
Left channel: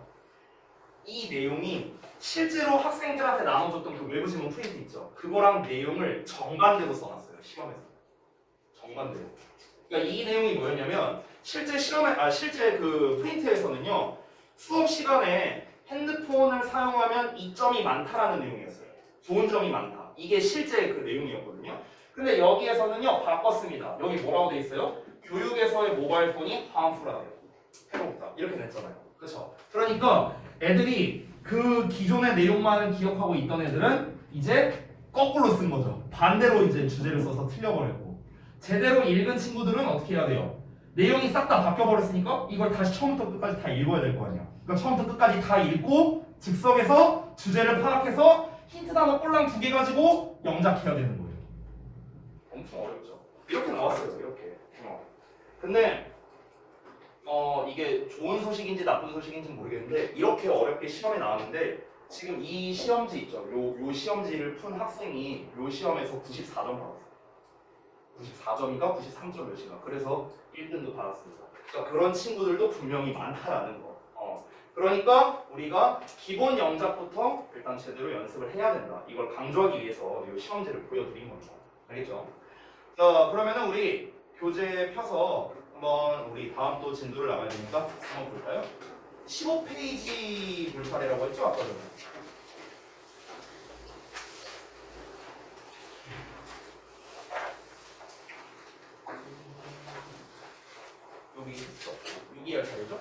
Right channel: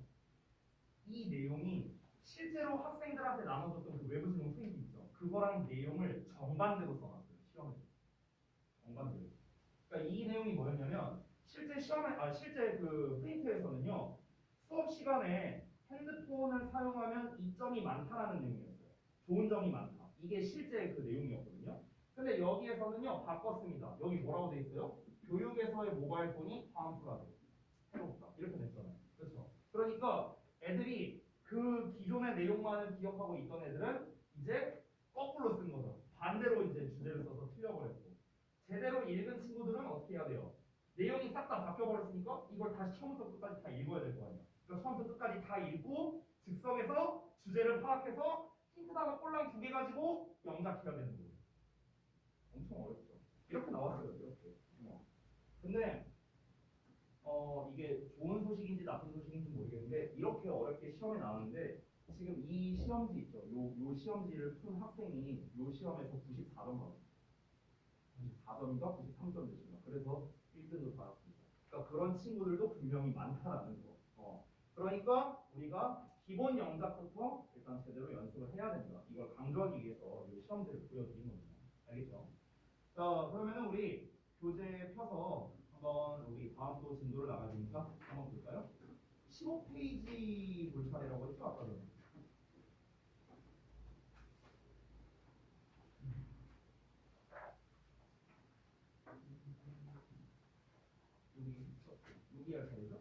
이 내용이 실제로 학생들한테 나눠줬던 그 외부 지문 프린트 있죠. 그거랑 내용을 정반대로 써놨어요. 시험에서. 정반대로. 그러니까 이 내용이 뭐였냐면 실제 실제 그 프린트에서는요. 수업 시간에 핸드폰을 사용하면 이점이 많다라는 내용이었어요. 좋은 점이 많다. 이게 실제 그 내용이었거든요. 근데 여기에서는요. 바꿨습니다. 여기 뭐라고 돼 있어요? 교육에서의 모바일 폰이 harmful하대요. 해롭다. 이렇게 냈잖아요. 그렇죠? 그러니까 애들이 그 기존의 내용만을 기억하고 있던 애들은 이제 거꾸로 쓴 거죠. 반대로 이제 주제를 써서 틀려버렸고 제대로 읽은 친구들은 어떻게 해야 돼요? 내용이 싹 다 바뀌어버렸으니까 이걸 다시 처음부터 끝까지 다 읽어야 될 거 아니야. 그러니까 처음부터 끝까지 다 읽고 즉석에서 주제를 파악해서 힌트 단어 꼴랑 2개 가지고 영작해야 되는 거예요. 엄청 어렵죠. 이렇게 나왔어요. 이렇게. 근데 이게 좋은 소식인지 나쁜 소식인지 모르겠는데 이렇게 어렵게 시험에 나왔는데 지금 이 시험지 있죠. 요 시험지를 푼 학생이 요 시험에서 94점 받았어요. 94점인가 93점 몇인가. 그래서 1등도 받았습니다. 그러니까 그런 친구들도 분명히 많다라는 거. 그러니까 우리가 기본 영작부터 일단 제대로 연습을 해야 된다. 이걸 강조하기 위해서 이 시험지를 보여드린 겁니다. 알겠죠? 자, 그러면은 우리 교재 펴서 한번 우리 다음 또 진도를 나가야 되니까 한번 볼까요? 15페이지 볼 차례라고 했죠? 아까 전에. 여기 있어. 6기 할 차례죠?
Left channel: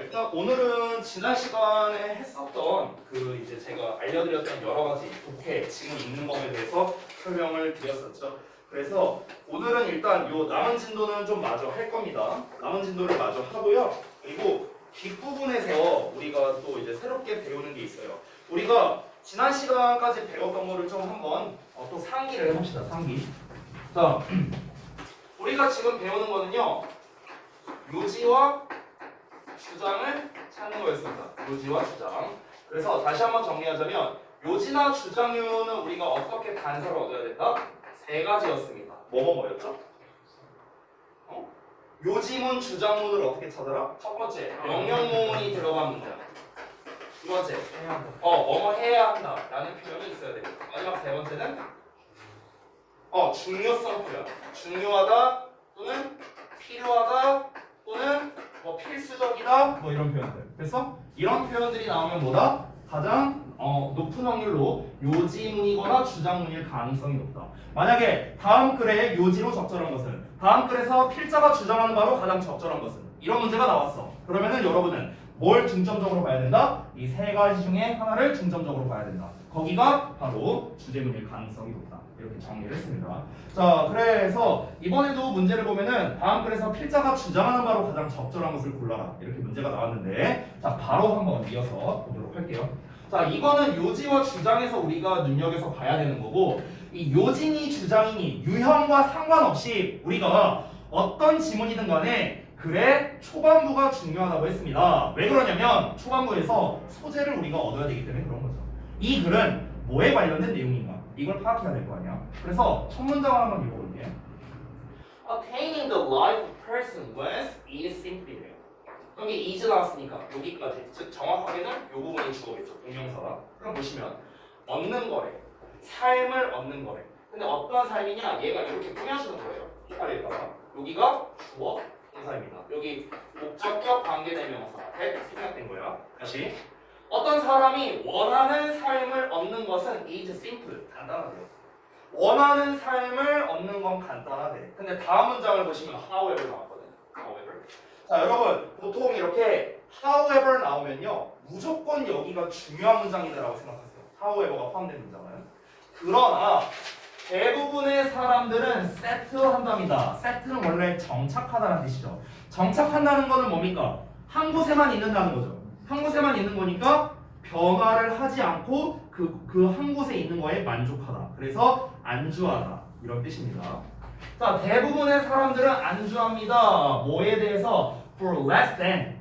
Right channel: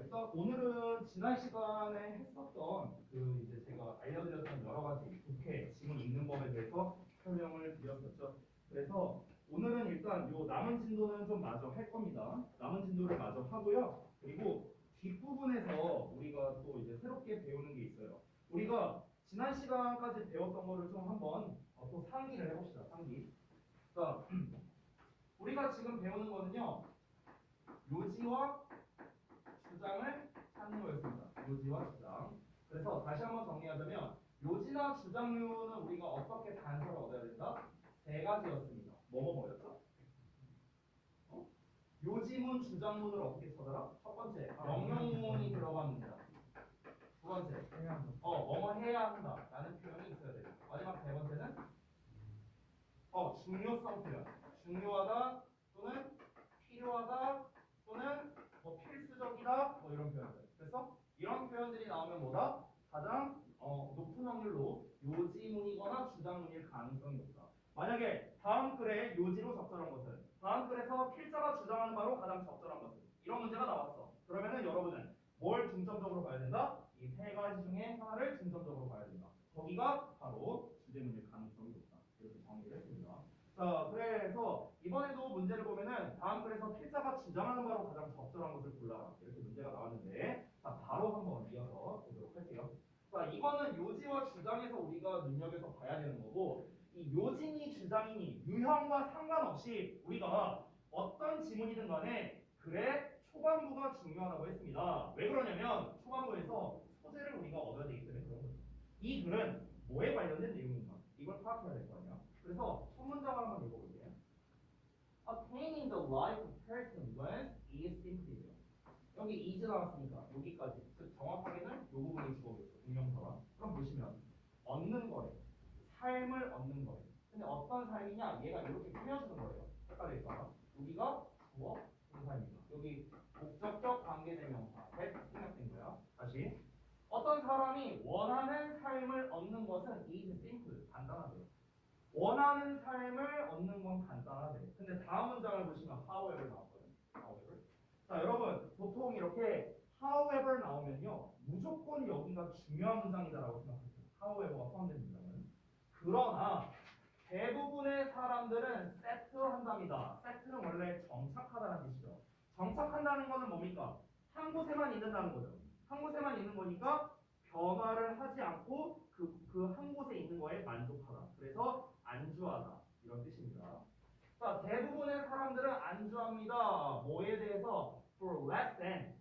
일단 오늘은 지난 시간에 했었던 그 이제 제가 알려드렸던 여러 가지 독해 지금 있는 법에 대해서 설명을 드렸었죠. 그래서 오늘은 일단 요 남은 진도는 좀 마저 할 겁니다. 남은 진도를 마저 하고요. 그리고 뒷부분에서 우리가 또 이제 새롭게 배우는 게 있어요. 우리가 지난 시간까지 배웠던 거를 좀 한번 또 상기를 해봅시다. 상기. 자, 우리가 지금 배우는 거는요. 요지와 주장을 찾는 거였습니다. 요지와 주장. 그래서 다시 한번 정리하자면 요지나 주장류는 우리가 어떻게 단서를 얻어야 된다? 세 가지였습니다. 뭐였죠? 요지문, 주장문을 어떻게 찾아라? 첫 번째, 명령문이 들어간 문장. 두 번째, 뭐뭐 해야 한다 라는 표현이 있어야 됩니다. 마지막 세 번째는 중요성 표현. 중요하다 또는 필요하다 또는 필수적이다 뭐 이런 표현들. 그래서 이런 표현들이 나오면 뭐다? 가장 높은 확률로 요지문이거나 주장문일 가능성이 높다. 만약에 다음 글에 요지로 적절한 것은 다음 글에서 필자가 주장하는 바로 가장 적절한 것은 이런 문제가 나왔어. 그러면은 여러분은 뭘 중점적으로 봐야 된다? 이 세 가지 중에 하나를 중점적으로 봐야 된다. 거기가 바로 주제문일 가능성이 높다. 이렇게 정리를 했습니다. 자, 그래서 이번에도 문제를 보면은 다음 글에서 필자가 주장하는 바로 가장 적절한 것을 골라라. 이렇게 문제가 나왔는데 자, 바로 한번 이어서 보도록 할게요. 자, 이거는 요지와 주장에서 우리가 눈여겨서 봐야 되는 거고 이 요지니 주장이니 유형과 상관없이 우리가 어떤 지문이든 간에 글의 초반부가 중요하다고 했습니다. 왜 그러냐면 초반부에서 소재를 우리가 얻어야 되기 때문에 그런 거죠. 이 글은 뭐에 관련된 내용인가? 이걸 파악해야 될 거 아니야. 그래서 첫 문장을 한번 읽어볼게요. Attaining the life of person whence is simply. 여기 is 나왔으니까 여기까지. 즉 정확하게는 이 부분이 주어겠죠. 동명사가. 그럼 보시면 얻는 거래. 삶을 얻는 거래. 근데 어떤 삶이냐? 얘가 이렇게 꾸며주는 거예요. 헷갈릴까봐. 여기가 주어 동사입니다. 여기 목적격 관계대명사. that 생략된 거야. 다시. 어떤 사람이 원하는 삶을 얻는 것은 is simple. 간단하대요. 원하는 삶을 얻는 건 간단하대. 근데 다음 문장을 보시면 however 나왔거든요. however. 자, 여러분 보통 이렇게 however 나오면요. 무조건 여기가 중요한 문장이다라고 생각하세요. however가 포함된 문장은. 그러나 대부분의 사람들은 세트한답니다. 세트는 원래 정착하다는 뜻이죠. 정착한다는 거는 뭡니까? 한 곳에만 있는다는 거죠. 한 곳에만 있는 거니까 변화를 하지 않고 그 한 곳에 있는 거에 만족하다. 그래서 안주하다. 이런 뜻입니다. 자, 대부분의 사람들은 안주합니다. 뭐에 대해서? For less than.